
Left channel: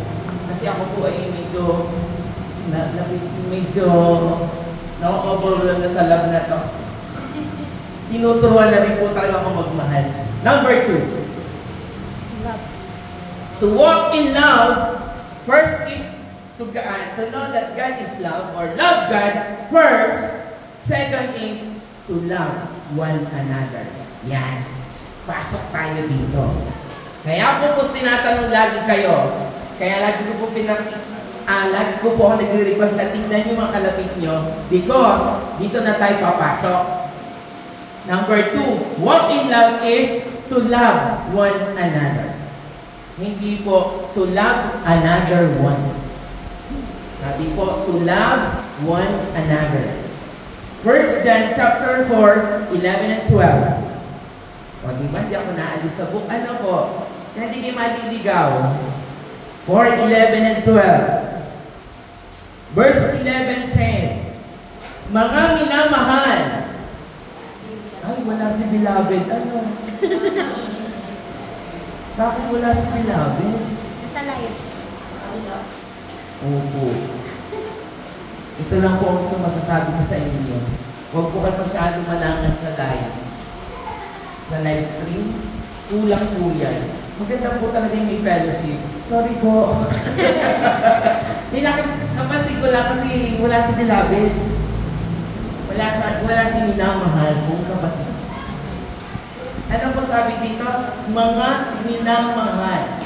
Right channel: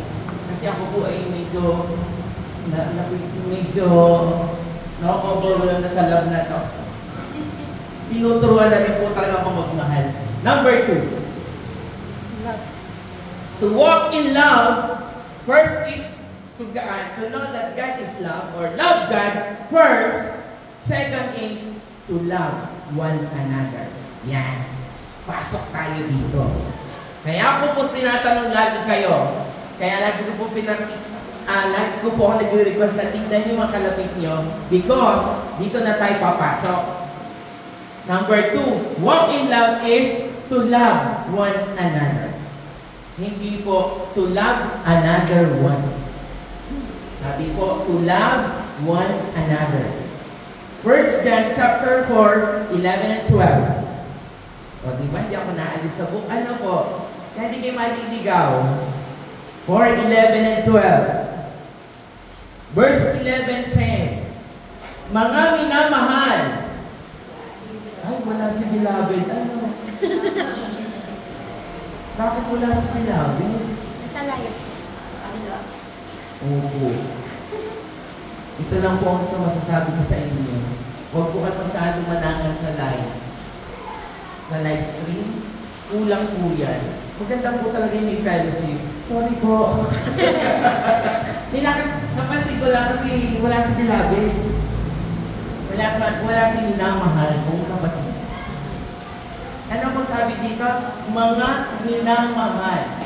Kasi ako po ay medyo na-overwhelm na sa love na to. Tinuturuan na rin po talaga ako magmahal. Number 2. Love. To walk in love, first is to know that God is love or love God first. Second is to love one another. Yan. Pasok tayo dito. Kaya ako po tinatanong lagi kayo. Kaya lagi ko po lagi ko po ako nagre-request na tingnan yung mga kalapit nyo because dito na tayo papasok. Number 2, walk in love is to love one another. Hindi po to love another one. Sabi po, to love one another. 1 John chapter 4, 11 and 12. O, diba? Di ako naalis sa book. Ano po? Kaya di kayo maliligaw. 4, 11 and 12. Verse 11 says, mga minamahal. Ay, wala si beloved. Ano? Bakit wala si beloved? Sa live. Opo. Ito lang po ang isang masasabi ko sa inyo. Huwag po kayo masyado manangan sa live stream. Kulang po yan. Maganda po talaga yung may fellowship. Sorry po. Napansin ko lang kasi wala si Beloved. Wala si minamahal kong kapatid. Ano po sabi dito? Mga minamahal.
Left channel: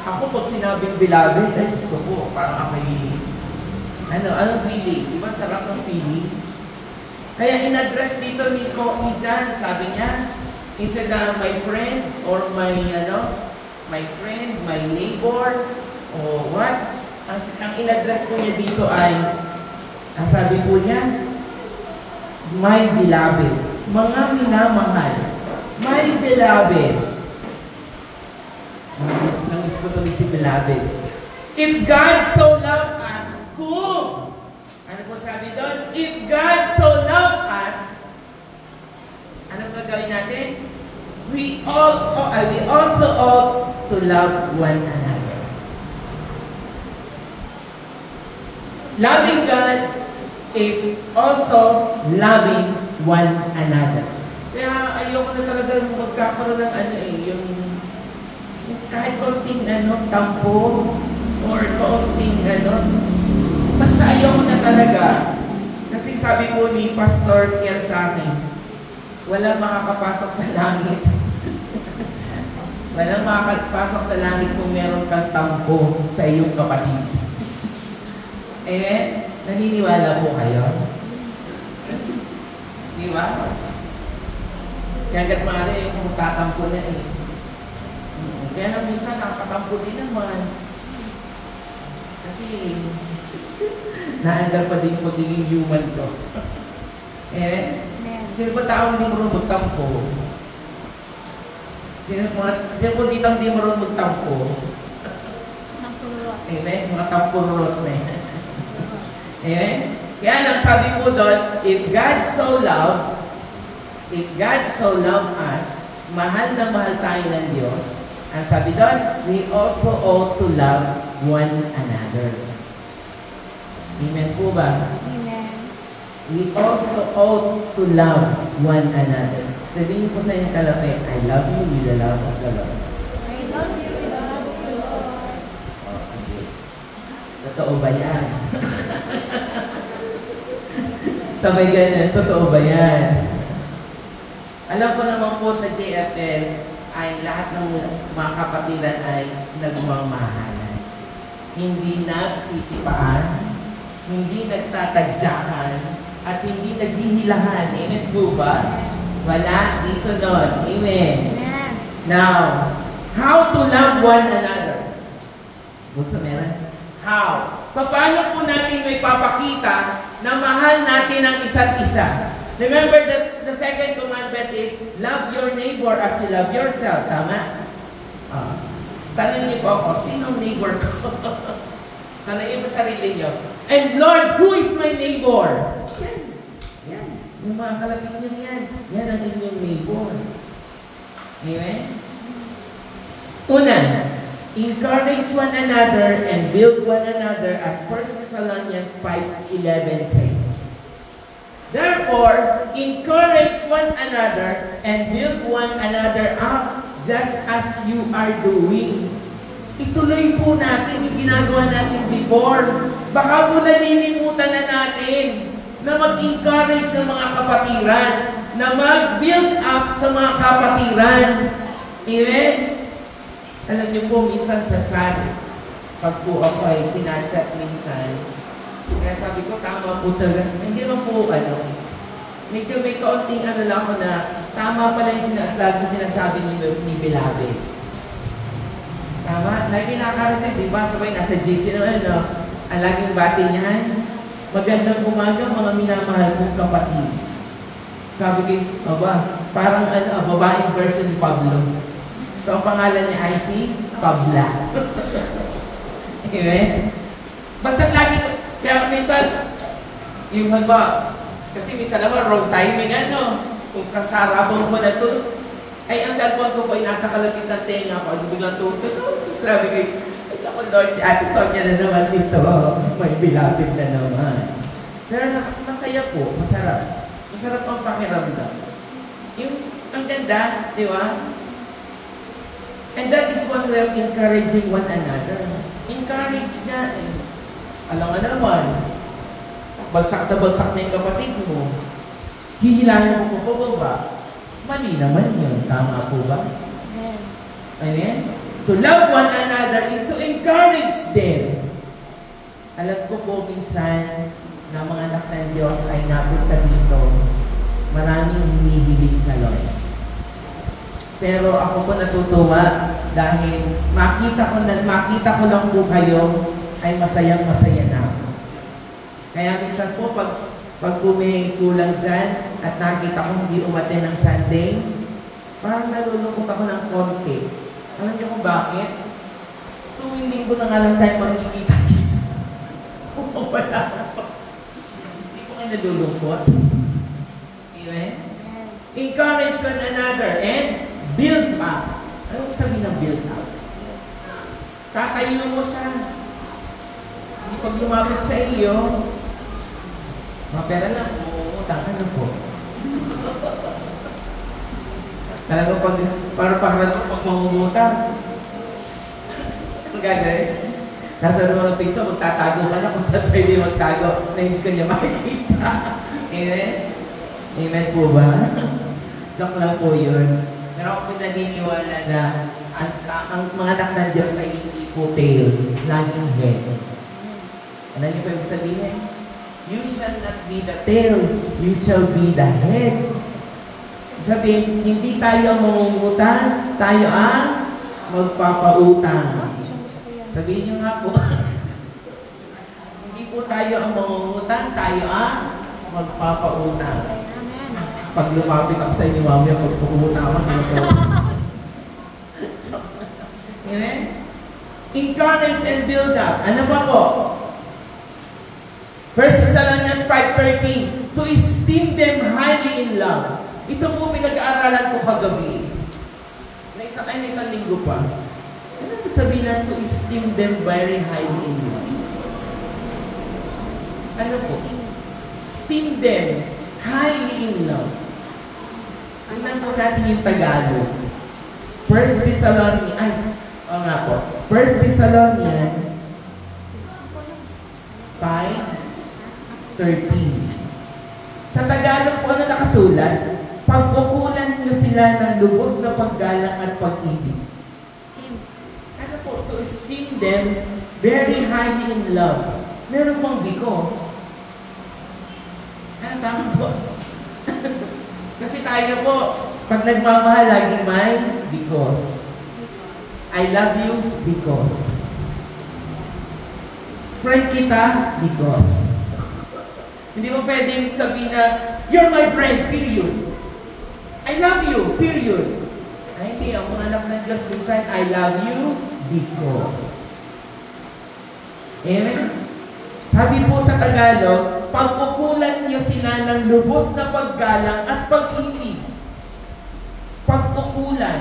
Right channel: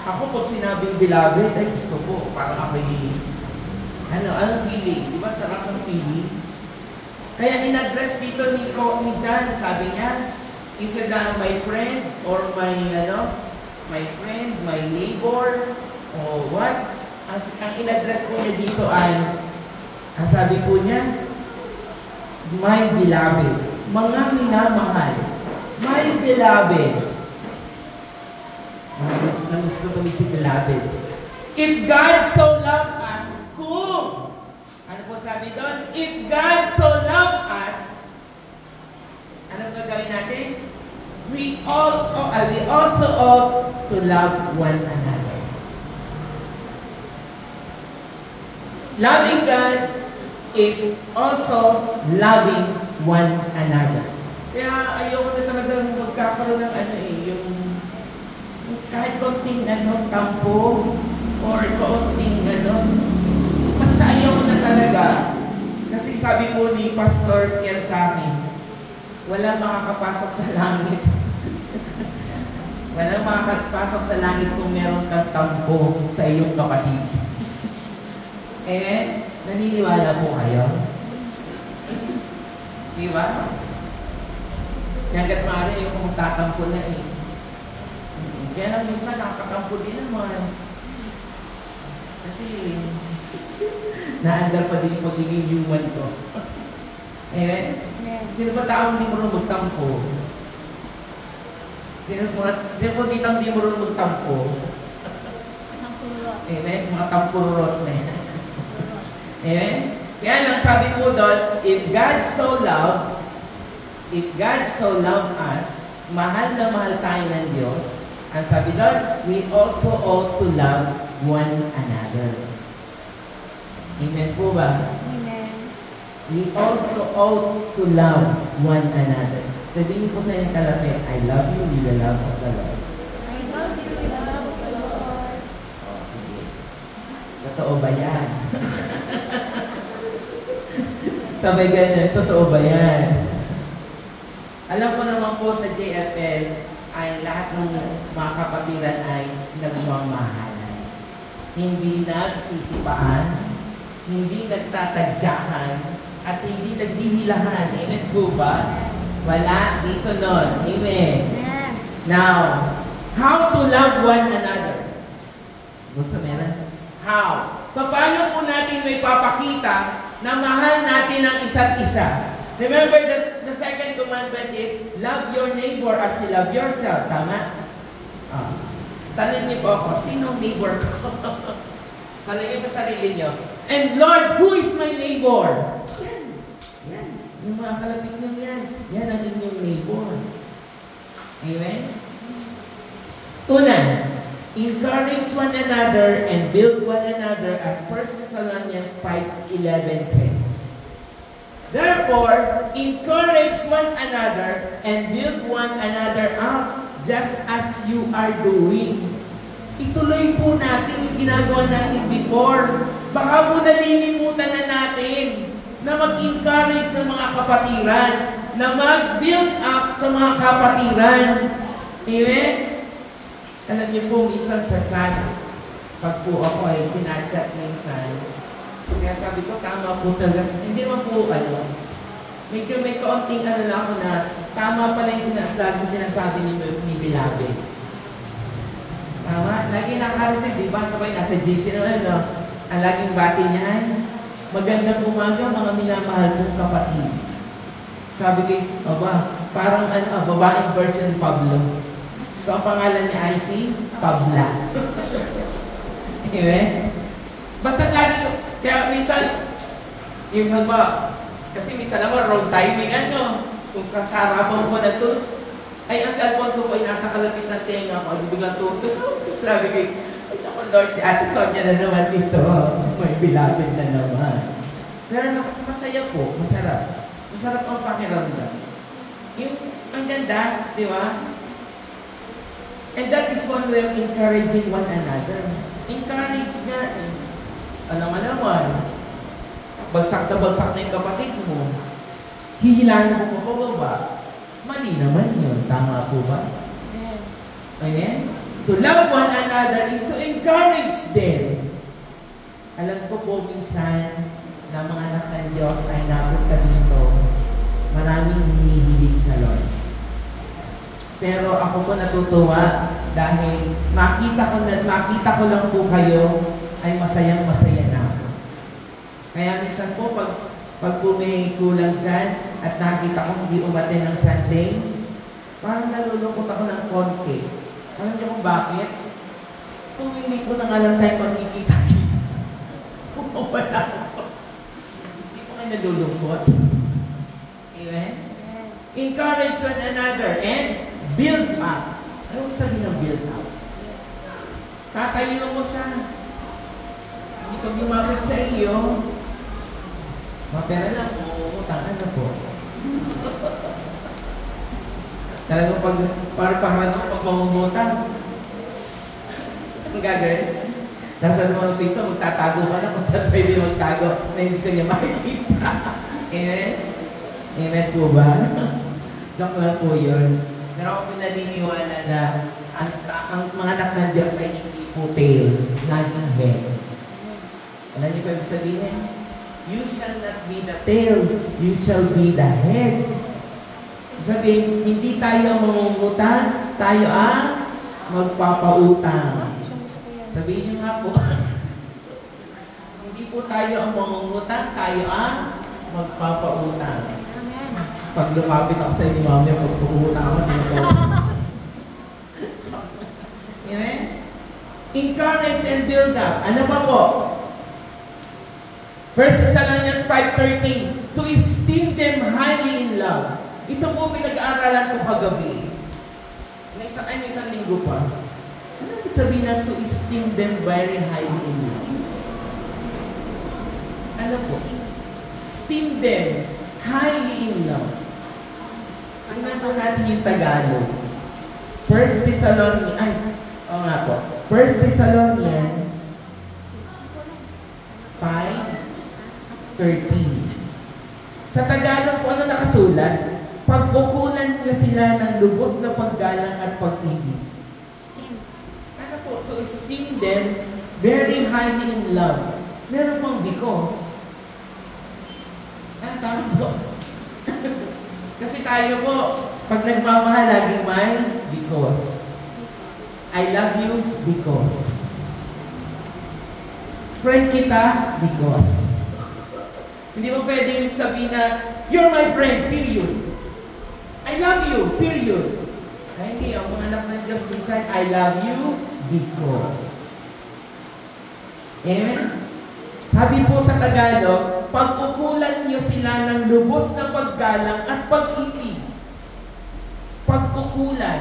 Ako pag sinabing Beloved, ay gusto ko po, parang ako anong feeling? Di ba sarap ng feeling? Kaya in-address dito ni John, sabi niya, instead na my friend or my friend, my neighbor, o what? Ang in-address po niya dito ay, ang sabi po niya, my beloved. Mga minamahal. My beloved. Namiss ko ito si beloved. If God so loved us, kung, ano po sabi doon? If God so loved us, anong gagawin natin? We also ought to love one another. Loving God is also loving one another. Kaya ayoko na talaga magkakaroon ng yung kahit konting tampo or konting basta ayoko na talaga. Kasi sabi po ni Pastor Pierre sa akin, walang makakapasok sa langit. Walang makakapasok sa langit kung meron kang tampo sa iyong kapatid. Amen? Naniniwala po kayo? Di ba? Kaya hanggat maaari yung magtatampo na eh. Kaya lang minsan nakatampo din naman. Kasi naandar pa din pagiging human to. Amen? Sino ba taong hindi marunong magtampo? Sino po dito hindi marunong magtampo? Amen? Mga tampurot na yan. Amen? Kaya lang sabi po doon, if God so loved us, mahal na mahal tayo ng Diyos, ang sabi doon, we also ought to love one another. Amen po ba? We also ought to love one another. Sabihin niyo po sa inyong kalapit, I love you with the love of the Lord. I love you with the love of the Lord. Oh, sige. Totoo ba yan? Sabay ganyan, totoo ba yan? Alam ko naman po sa JFL ay lahat ng mga kapatiran ay nagmamahalan. Hindi nagsisipaan, hindi nagtatadyakan, at hindi naghihilahan. Amen po ba? Wala dito nun. Amen. Amen. Now, how to love one another? Buksa meron? How? Paano po natin may papakita na mahal natin ang isa't isa? Remember that the second commandment is, love your neighbor as you love yourself. Tama? Tanong niyo po ako, sinong neighbor ko? Tanong niyo po sarili niyo. And Lord, who is my neighbor? Yan. Yung mga kalapit niyo yan. Yan ang inyong neighbor. Amen? Una, encourage one another and build one another as 1 Thessalonians 5:11 says. Therefore, encourage one another and build one another up just as you are doing. Ituloy po natin yung ginagawa natin before. Baka po nalilimutan na natin na mag-encourage sa mga kapatiran, na mag-build up sa mga kapatiran. Amen? Alam niyo po, minsan sa chat, pag po ako ay kinachat minsan, kaya sabi ko, tama po talaga. Hindi mo po, medyo may kaunting lang ako na tama pala yung sinasabi ni Beloved. Tama? Lagi nakaka-receive, di ba? Sabay nasa GC naman, ang laging bati niyan. Magandang umaga, mga minamahal kong kapatid. Sabi ko, parang babaeng version ni Pablo. So, ang pangalan niya ay si Pabla. Anyway, basta lagi kaya minsan, yung kasi minsan naman wrong timing, kung kasarabong ko na ito, Ay, ang cellphone ko po ay nasa kalapit ng tenga ko. Ay, biglang tutulog. Tapos sabi ko, ay, ako Lord, si Ate Sonia na naman dito. May bilapit na naman. Pero masaya po, masarap. Masarap ang pakiramdam. Yung, ang ganda, di ba? And that is one way of encouraging one another. Encourage na eh. Alam mo naman, bagsak na yung kapatid mo. Hihilahin mo po pababa. Mali naman yun. Tama po ba? Amen? To love one another is to encourage them. Alam ko po minsan na mga anak ng Diyos ay napunta dito. Maraming hinihilig sa Lord. Pero ako po natutuwa dahil makita ko lang po kayo ay masayang-masaya na ako. Kaya minsan po pag po may kulang dyan at nakita ko hindi umaten ng Sunday, parang nalulungkot ako ng konti. Alam niyo kung bakit? Tuwing linggo na nga lang tayo magkikita-kita. Kung wala ako. Hindi ko kayo nalulungkot. Amen? Encourage one another and build up. Ano sabihin ng build up? Tatayo mo siya. Pag lumapit sa iyo, mapera lang, utang ka na po. Talagang parang pag mamumutang. Ang gagawin? Sasabi mo ng pito, magtatago ka na kung saan pwede magtago na hindi ka niya makikita. Amen? Amen po ba? Joke lang po yun. Pero ako naniniwala na ang mga anak ng Diyos ay hindi po tail, laging head. Alam niyo pa yung sabihin? You shall not be the tail, you shall be the head. Sabihin, hindi tayo mangungutang, tayo ang magpapautang. Sabihin niyo nga po, hindi po tayo ang mangungutang, tayo ang magpapautang. Pag lumapit ako sa inyo, mamaya pagpapautang ako, amen? Encourage and build up. Ano ba po? 1 Thessalonians 5:13, to esteem them highly in love. Ito po pinag-aaralan ko kagabi. Isang linggo pa. Ano sabihin na to esteem them very highly in love? Ano po? Esteem them highly in love. Tingnan po natin yung Tagalog. 1 Thessalonians 5:13. Sa Tagalog po na nakasulat, pag-ukulan nyo sila ng lubos na paggalang at pag-ibig. Ano po? To esteem them very highly in love. Meron pang because. Ano tama po? Kasi tayo po, pag nagmamahal, laging may because. I love you because. Friend kita because. Hindi mo pwedeng sabihin na, you're my friend, period. I love you, period. Ay, hindi. Ang mga anak ng Diyos, minsan, I love you because. Amen? Sabi po sa Tagalog, pag-ukulan niyo sila ng lubos na paggalang at pag-ibig. Pag-ukulan.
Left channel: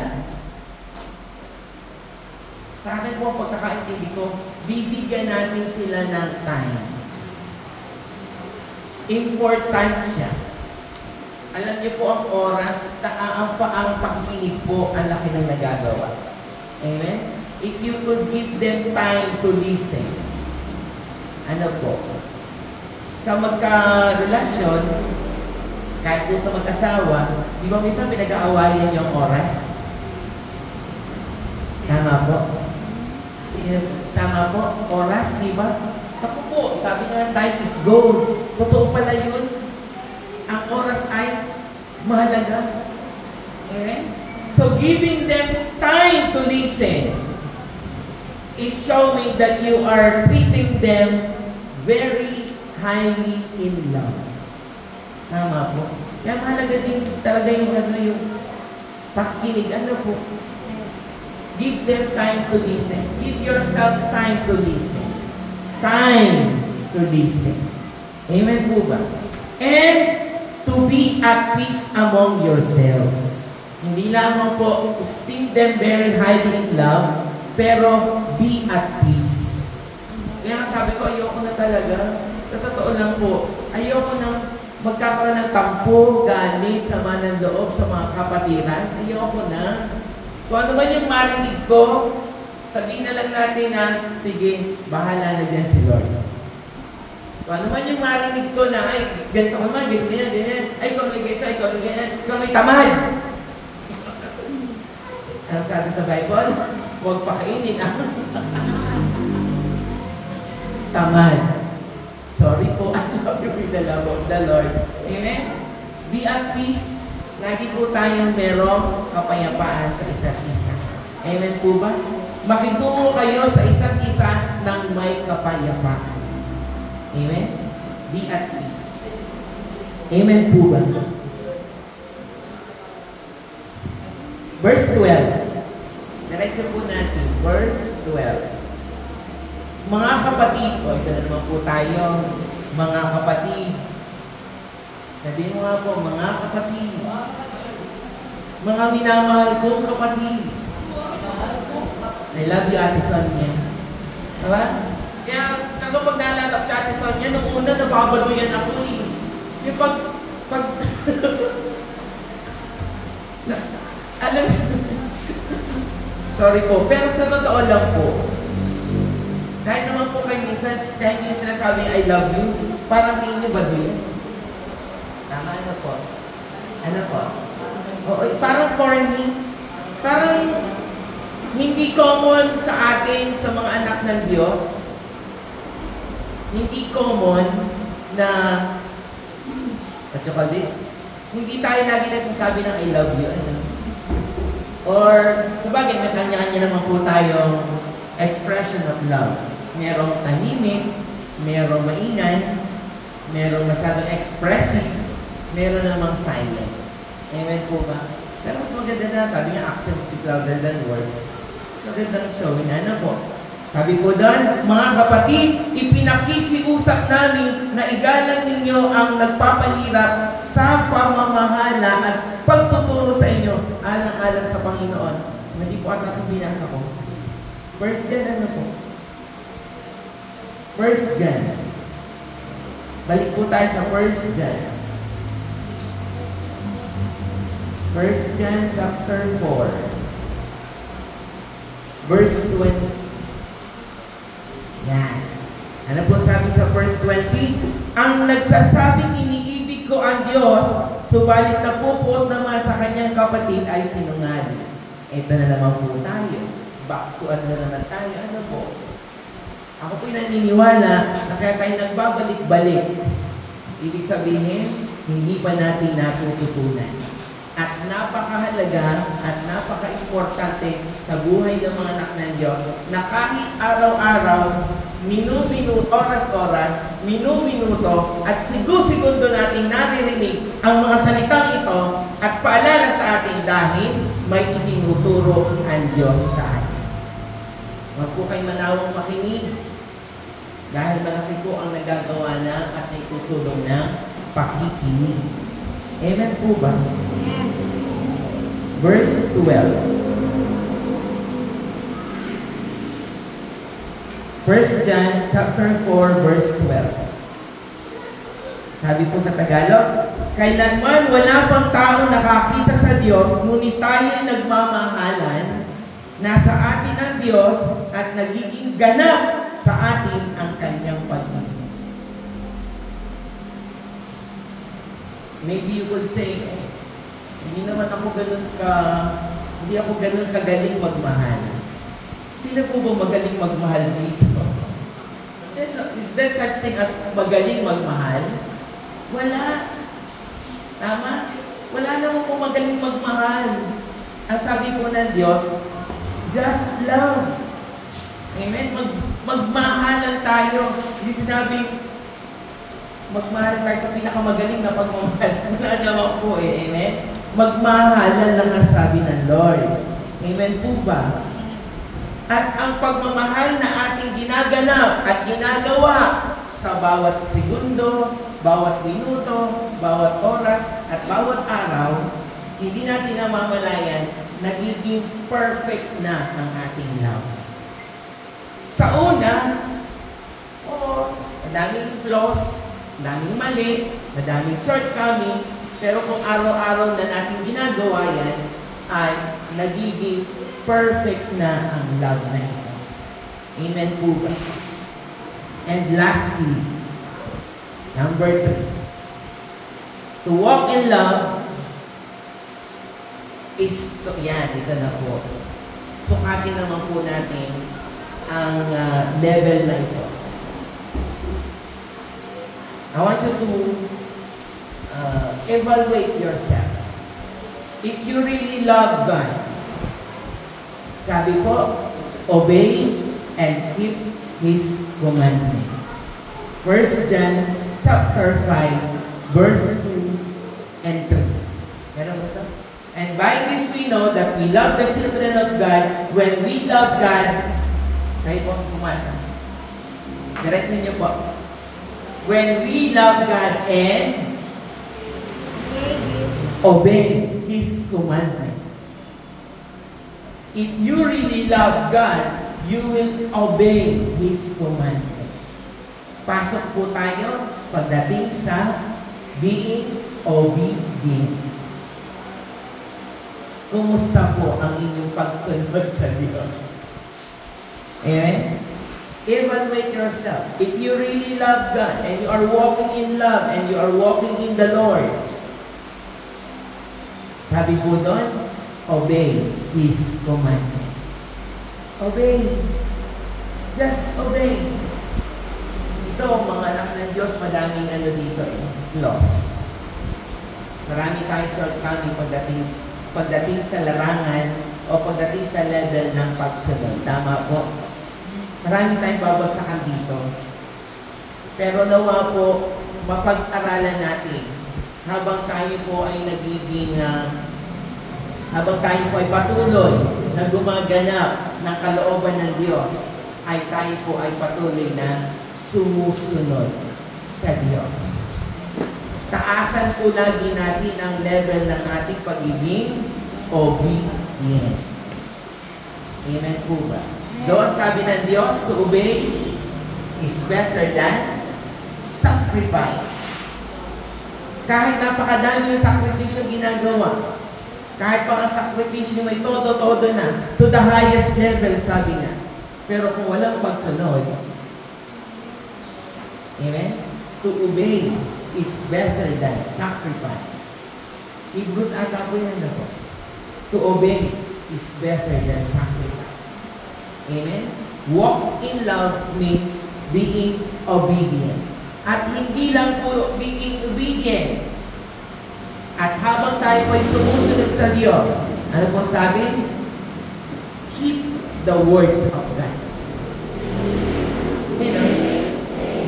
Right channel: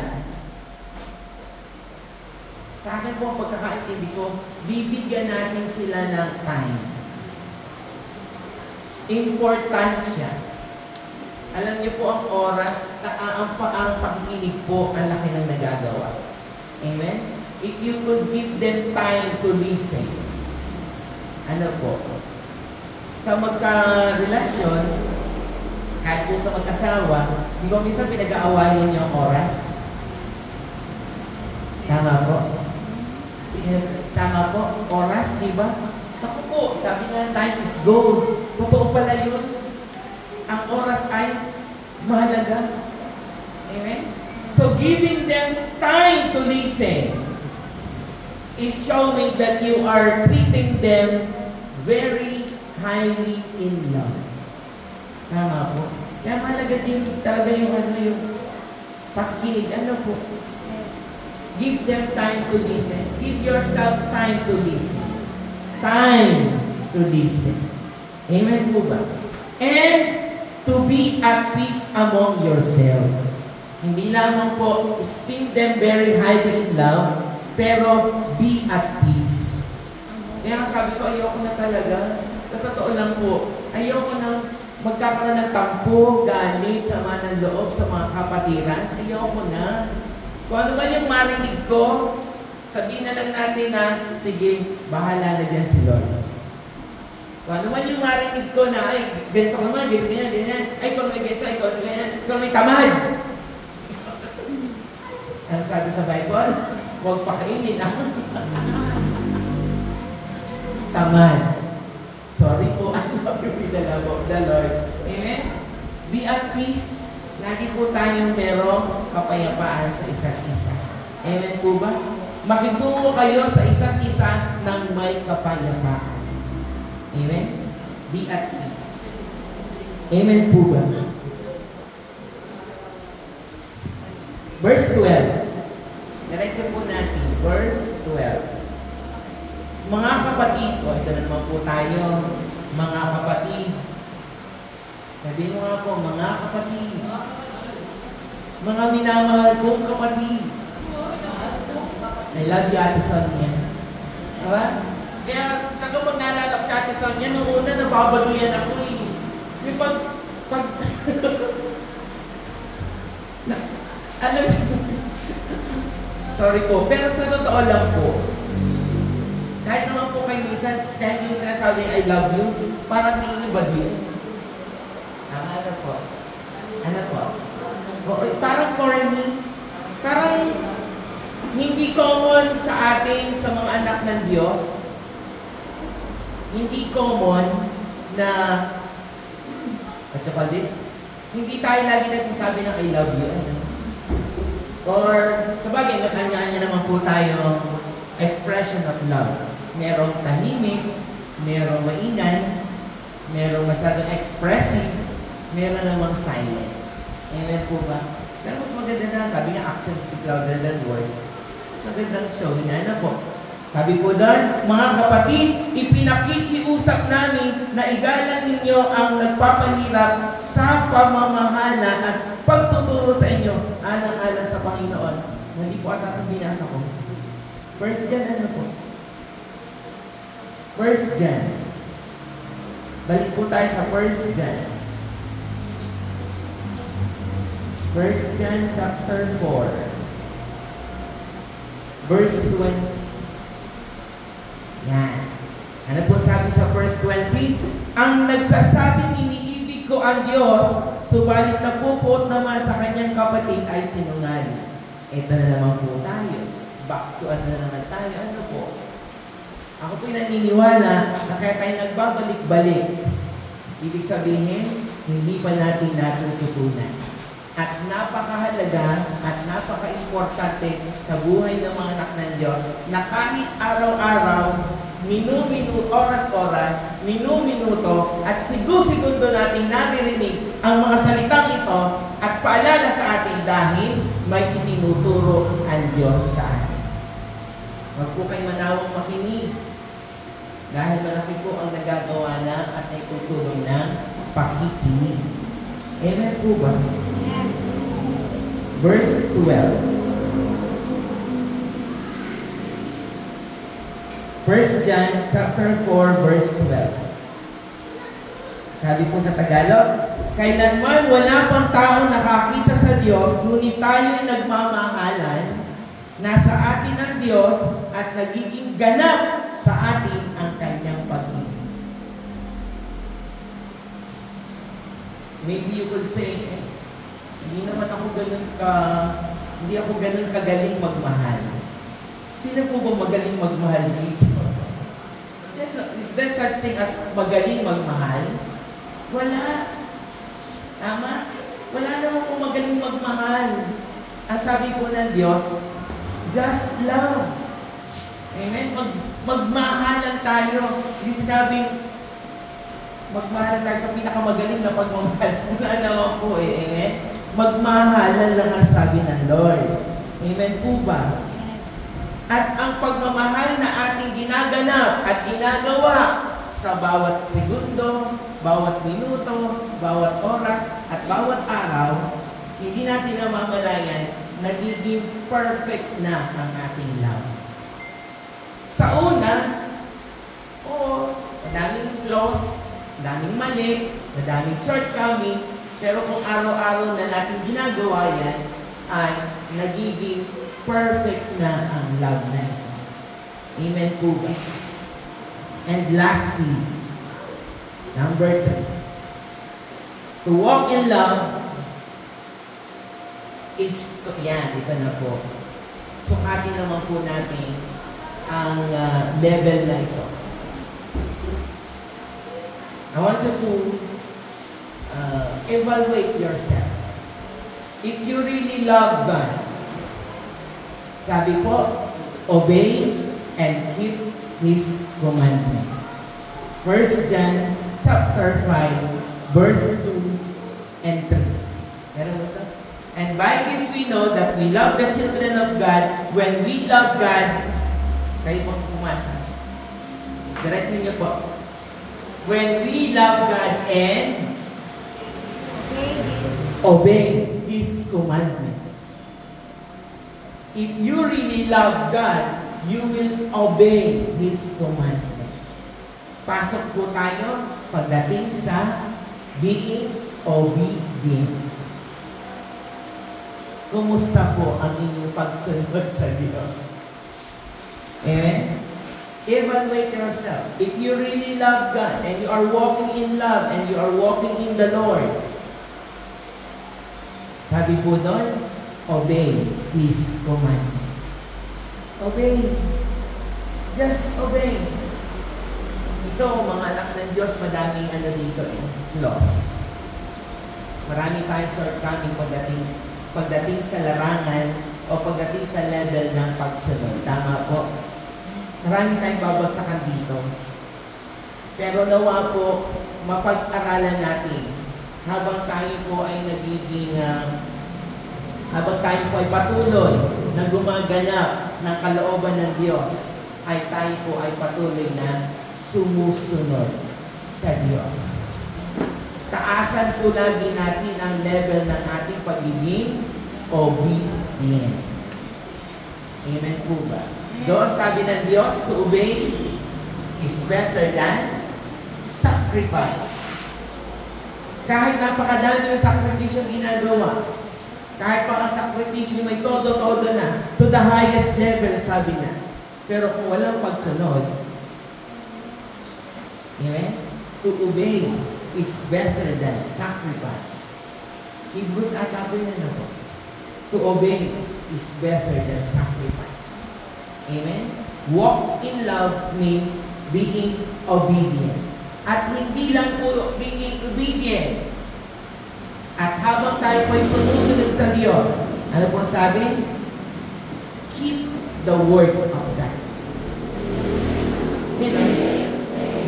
Sa akin po, ang pagkakaintindi ko, bibigyan natin sila ng time. Importansya. Alam niyo po ang oras, ang pakikinig po, ang laki ng nagagawa. Amen? If you could give them time to listen. Ano po? Sa magka-relasyon, kahit po sa mag-asawa, di ba minsan pinag-aawayan yung oras? Tama po? Tama po? Oras, di ba? Ako po, sabi nga, time is gold. Totoo pala yun. Ang oras ay mahalaga. Amen? So, giving them time to listen is showing that you are treating them very highly in love. Tama po. Kaya mahalaga din talaga yung pakikinig. Ano po? Give them time to listen. Give yourself time to listen. Time to listen. Amen po ba? And to be at peace among yourselves. Hindi lamang po esteem them very highly in love, pero be at peace. Kaya sabi ko, ayoko na talaga. Sa totoo lang po, ayoko na magkakaroon ng tampo, galit, sama ng loob sa mga kapatiran. Ayoko na. Kung ano man yung marinig ko, sabihin na lang natin na, sige, bahala na dyan si Lord. Kung ano man yung marinig ko na, ay, ganito ka man, ganyan, ganyan. Ay, kung may ganito, ikaw may ganyan. Ikaw may tamad. Anong sabi sa Bible? Huwag pakainin. Tamad. Sorry po, I love you with the love of the Lord. Amen? Be at peace. Lagi po tayong merong kapayapaan sa isa't isa. Amen po ba? Makitungo kayo sa isa't isa ng may kapayapaan. Amen? Be at peace. Amen po ba? Verse 12. Diretso po natin. Verse 12. Mga kapatid, ito na naman po tayo. Mga kapatid. Sabihin mo nga po, mga kapatid. Mga minamahal kong kapatid. I love you, Ate Sonia. Diba? Kaya, kapag naalala ko sa Ate Sonia, nung una, nababaluyan ako eh. Yung alam siya, sorry po, pero sa totoo lang po, kahit naman po kayo minsan, kahit yung sinasabi niya, I love you, parang tingin niyo ba din? Tama, ano po? Ano po? O, parang corny. Parang hindi common sa atin, sa mga anak ng Diyos. Hindi common na, what you call this? Hindi tayo lagi nagsasabi ng I love you. Ano? Or, sabagay, may kanya-kanya naman po tayong expression of love. Merong tahimik, merong maingan, merong masyadong expressive, meron namang silent. Amen po ba? Pero mas maganda na, sabi niya, actions speak louder than words. Mas magandang show, ano po? Sabi po doon, mga kapatid, ipinakikiusap namin na igalang ninyo ang nagpapahirap sa pamamahala at pagtuturo sa inyo alang-alang sa Panginoon. Hindi po ata ang binasa ko. First John, ano po? First John. Balik po tayo sa First John. First John chapter 4. Verse 20. Yan. Ano po sabi sa verse 20? Ang nagsasabing iniibig ko ang Diyos, subalit napupot naman sa kanyang kapatid ay sinungaling. Ito na naman po tayo. Back to ano na naman tayo. Ano po? Ako po'y naniniwala na kaya tayo nagbabalik-balik. Ibig sabihin, hindi pa natin natututunan. At napakahalaga at napaka-importante sa buhay ng mga anak ng Diyos na kahit araw-araw, minu-minuto, oras-oras, minu-minuto, at segundo natin naririnig ang mga salitang ito at paalala sa atin dahil may itinuturo ang Diyos sa atin. Huwag po kayo manawang makinig dahil malaki po ang nagagawa na at naitutulong na pakikinig. Amen po ba? Verse 12. First John chapter 4 verse 12. Sabi po sa Tagalog, kailanman wala pang taong nakakita sa Diyos, ngunit tayo'y nagmamahalan, nasa atin ang Diyos at nagiging ganap sa atin ang kanyang pag-ibig. Maybe you could say, hindi ako ganun kagaling magmahal. Sino po ba magaling magmahal dito? Is there such thing as magaling magmahal? Wala. Tama? Wala naman po magaling magmahal. Ang sabi po ng Diyos, just love. Amen? Magmahalan tayo. Hindi sinabing, magmahalan tayo sa pinakamagaling na pagmamahal. Wala naman po eh. Amen? Magmahalan lang ang sabi ng Lord. Amen po ba? At ang pagmamahal na ating ginaganap at ginagawa sa bawat segundo, bawat minuto, bawat oras, at bawat araw hindi natin namamalayan, nagiging perfect na ang ating love. Sa una, madaming flaws, madaming mali, madaming shortcomings, pero kung araw-araw na natin ginagawa yan, ay nagiging perfect na ang love na ito. Amen po ba? And lastly, number 3. To walk in love is, ito na po. Sukatin naman po natin ang level na ito. I want you to evaluate yourself. If you really love God, sabi po, obey and keep His commandment. 1 John chapter 5, verse 2 and 3. Meron mo sa? And by this we know that we love the children of God when we love God. Kayo po pumasa. Diretso niyo po. When we love God and obey His commandments. If you really love God, you will obey His commandment. Pasok po tayo pagdating sa being obedient. Kumusta po ang inyong pagsunod sa Diyos? Amen? Evaluate yourself. If you really love God and you are walking in love and you are walking in the Lord, sabi po doon, obey His commandment. Obey. Just obey. Ito, mga anak ng Diyos, madaming dito loss. Marami tayong shortcoming pagdating sa larangan o pagdating sa level ng pagsunod. Tama po. Marami tayong babagsakan dito. Pero nawa po, mapag-aralan natin habang tayo po ay habang tayo po ay patuloy na gumaganap ng kalooban ng Diyos, ay tayo po ay patuloy na sumusunod sa Diyos. Taasan po lagi natin ang level ng ating pagiging obedient. Amen po ba? Doon sabi ng Diyos, to obey is better than sacrifice. Kahit napakadami yung sakripisyo ginagawa, kahit pa ang sakripisyo may todo-todo na, to the highest level, sabi na. Pero kung walang pagsunod, amen? To obey is better than sacrifice. Hebrews ata po yun na po. To obey is better than sacrifice. Amen? Walk in love means being obedient. At hindi lang po being obedient. At habang tayo po'y sumusunod sa Diyos, ano po sabi? Keep the word of God.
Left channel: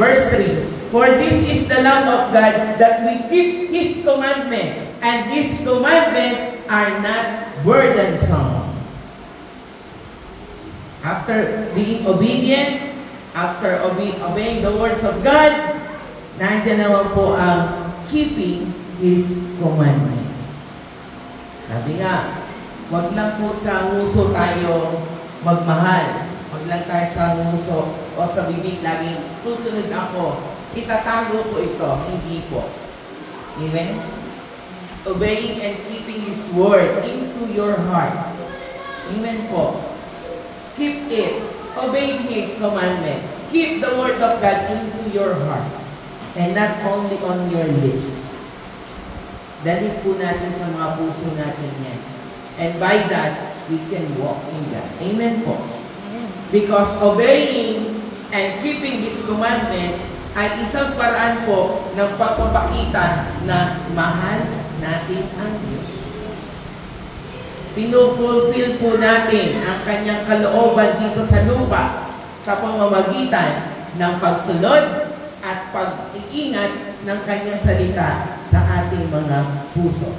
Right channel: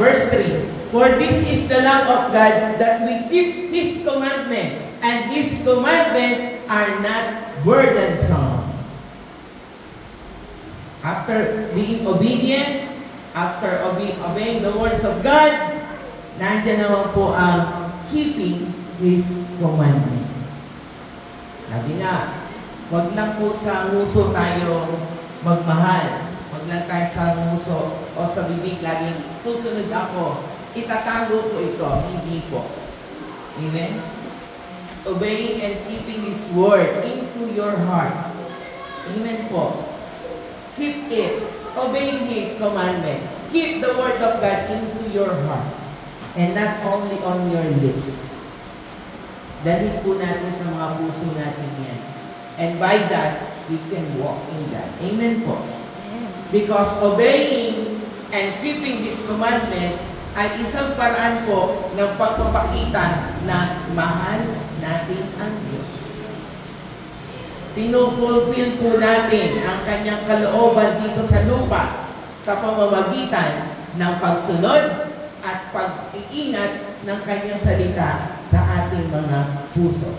Verse 3. For this is the love of God, that we keep His commandments, and His commandments are not burdensome. After being obedient, after obeying the words of God, nandiyan naman po ang keeping His commandment. Sabi nga, wag lang po sa nguso tayo magmahal. Wag lang tayo sa nguso o sa bibig laging susunod ako. Itatago po ito, hindi po. Amen? Obeying and keeping His word into your heart. Amen po. Keep it. Obeying His commandment. Keep the word of God into your heart. And not only on your lips. Dalhin po natin sa mga puso natin yan. And by that, we can walk in that. Amen po. Because obeying and keeping His commandment ay isang paraan po ng pagpapakita na mahal natin ang Diyos. Pinupulfill po natin ang Kanyang kalooban dito sa lupa sa pamamagitan ng pagsunod at pag-iingat ng Kanyang salita sa ating mga puso.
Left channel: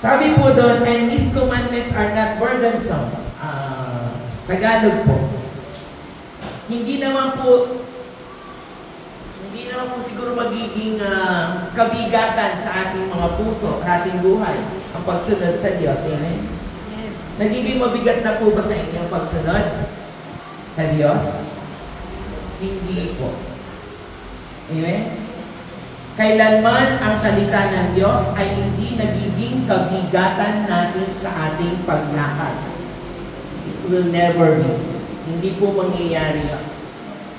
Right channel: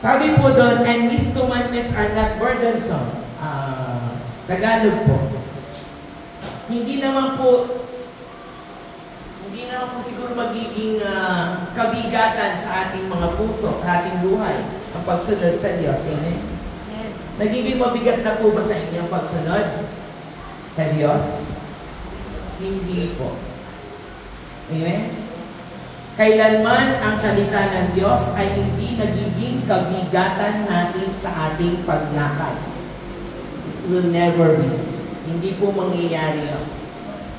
Sabi po doon, and His commandments are not burdensome. Tagalog po. Hindi naman po siguro magiging kabigatan sa ating mga puso, sa ating buhay, ang pagsunod sa Diyos. Amen? Nagiging mabigat na po ba sa inyo ang pagsunod sa Diyos? Hindi po. Amen? Kailanman ang salita ng Diyos ay hindi nagiging kabigatan natin sa ating paglakad. It will never be. Hindi po mangyayari yun.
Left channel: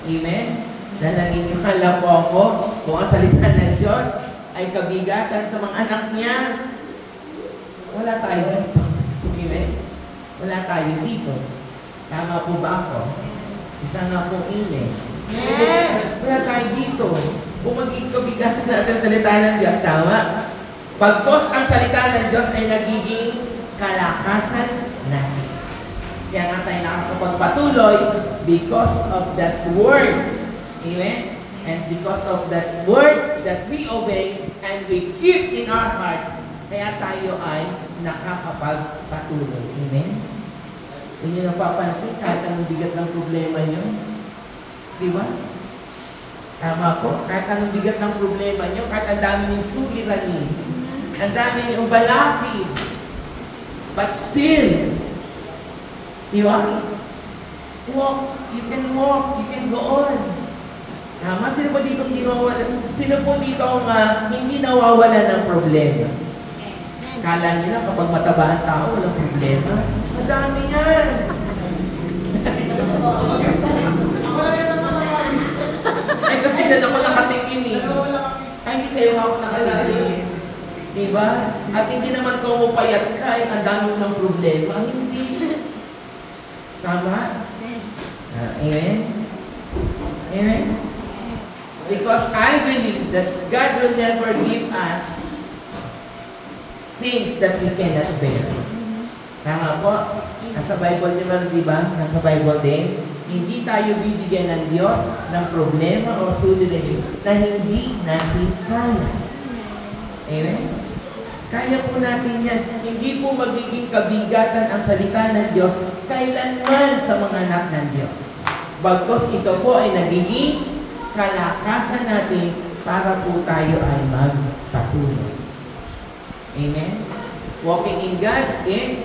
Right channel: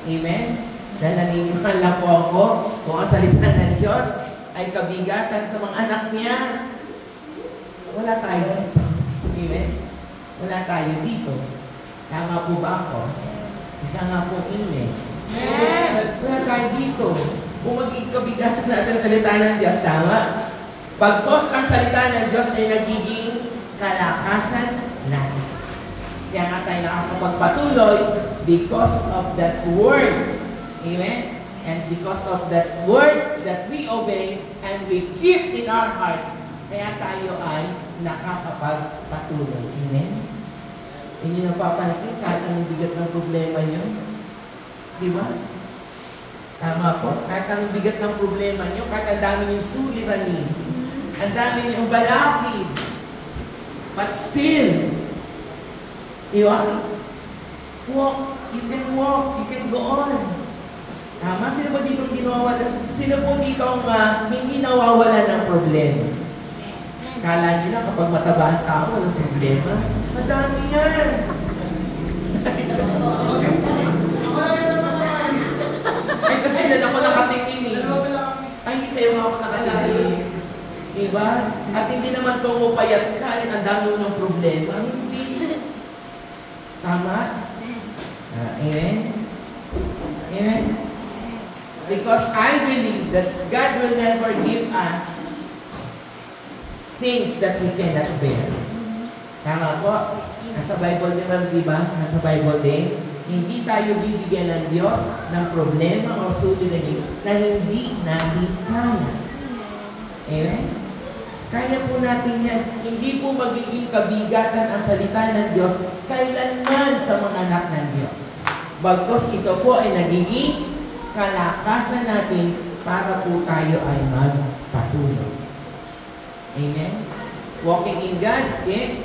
Amen? Dahil naniniwala po ako kung ang salita ng Diyos ay kabigatan sa mga anak niya, wala tayo dito. Amen? Wala tayo dito. Tama po ba ako? Isa nga pong amen. Wala tayo dito. Kung magiging kabigatan natin ang salita ng Diyos, tama? Pagkos ang salita ng Diyos ay nagiging kalakasan natin. Kaya nga tayo nakakapagpatuloy because of that word. Amen? And because of that word that we obey and we keep in our hearts, kaya tayo ay nakakapagpatuloy. Amen? Hindi napapansin kahit ang bigat ng problema nyo. Di ba? Tama po. Kahit ang bigat ng problema nyo, kahit ang dami niyong suliranin, ang dami niyong balakid, but still, di ba? You can walk, you can go on. Tama? Sino po dito Sino po dito hindi nawawala ng problema? Kala nila kapag mataba ang tao, walang problema. Ang dami yan. Ay, kasi na ako nakatingin eh. Ay, hindi sa'yo ako nakatingin. Diba? At hindi naman kung mupayat ka, ang dami ng problema. Hindi. Tama? Amen? Amen? Because I believe that God will never give us things that we cannot bear. Tama po? Nasa Bible naman, di ba? Nasa Bible din. Hindi tayo bibigyan ng Diyos ng problema o suliranin na hindi natin kaya. Amen? Kaya po natin yan. Hindi po magiging kabigatan ang salita ng Diyos kailanman sa mga anak ng Diyos. Bagkus ito po ay nagiging kalakasan natin para po tayo ay magpatuloy. Amen? Walking in God is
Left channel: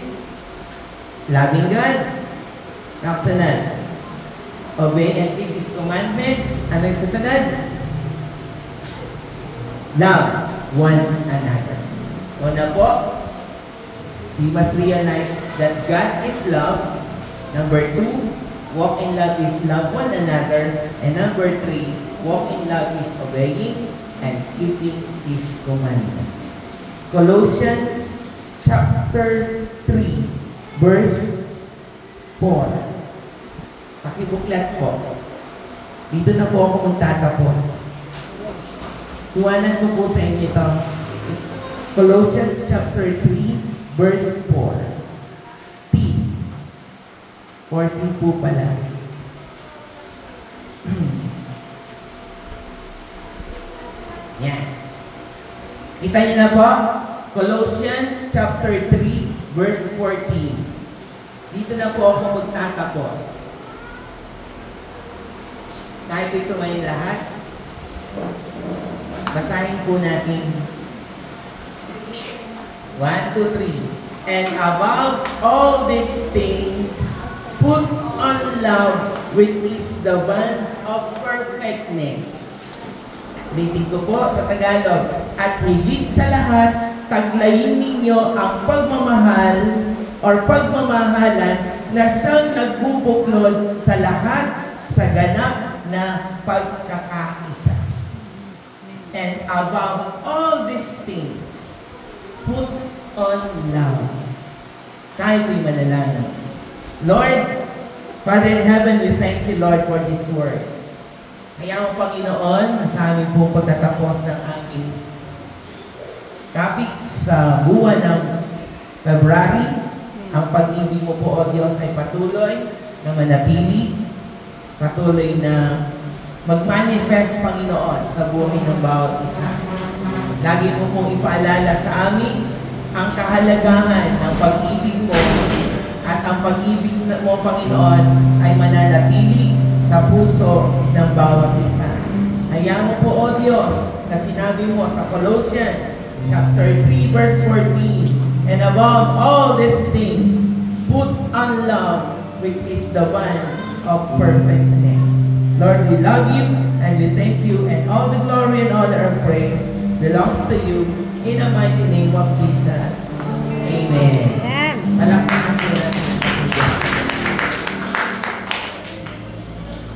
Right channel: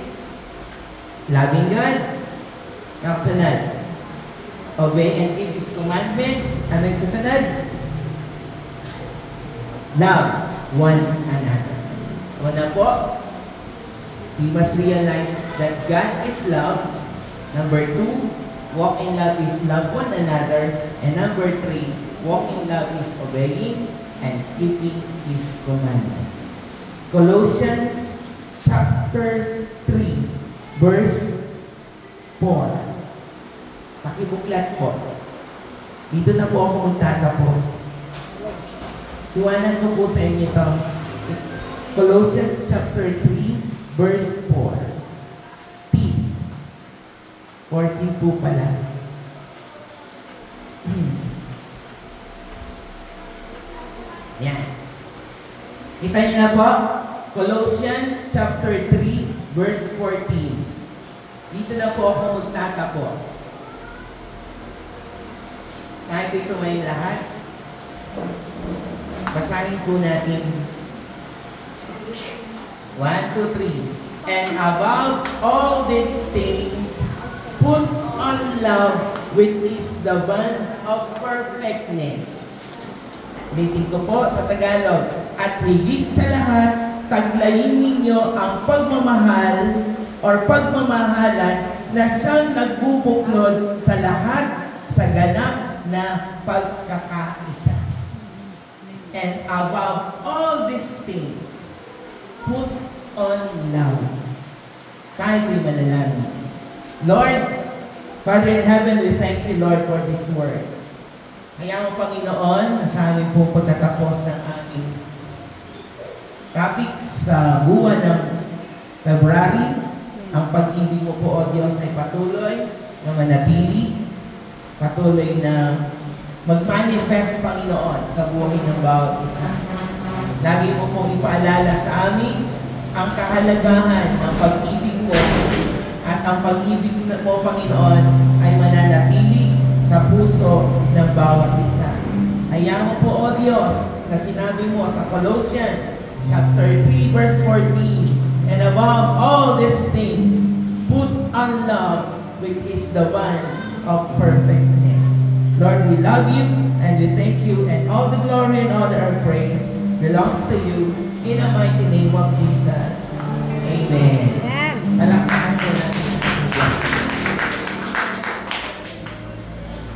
loving God. Nakasunod. Obey and keep His commandments. Ano yung kasunod? Love one another. Una po, we must realize that God is love. Number 2, walk in love is love one another. And number 3, walk in love is obeying and keeping His commandments. Colossians chapter 3, verse 4. Pakibuklat po. Dito na po ako magtatapos. Iwanan ko po sa inyo ito. Colossians chapter 3, verse 4. T. 40 po pala. Yan. Kita niyo na po? Colossians chapter 3, verse 14. Dito na po ako magtatapos. Kahit ito may lahat, basahin po natin. 1, 2, 3. And above all these things, put on love, which is the bond of perfectness. Ulitin ko po sa Tagalog. At higit sa lahat, taglayin ninyo ang pagmamahal or pagmamahalan na siyang nagbubuklod sa lahat sa ganap na pagkakaisa. And above all these things, put on love. Tayo po'y manalangin. Lord, Father in heaven, we thank you, Lord, for this word. Kaya mo, Panginoon, sa amin pong pagtatapos ng ating topic sa buwan ng February. Ang pag-ibig mo po, O Diyos, ay patuloy na manatili, patuloy na mag-manifest, Panginoon, sa buhay ng bawat isa. Lagi mo pong ipaalala sa amin ang kahalagahan ng pag-ibig mo at ang pag-ibig mo, Panginoon, ay mananatili sa puso ng bawat isa. Hayaan mo po, O Diyos, na sinabi mo sa Colossians chapter 3, verse 14, and above all these things, put on love, which is the one of perfectness. Lord, we love you and we thank you, and all the glory and honor and praise belongs to you in the mighty name of Jesus.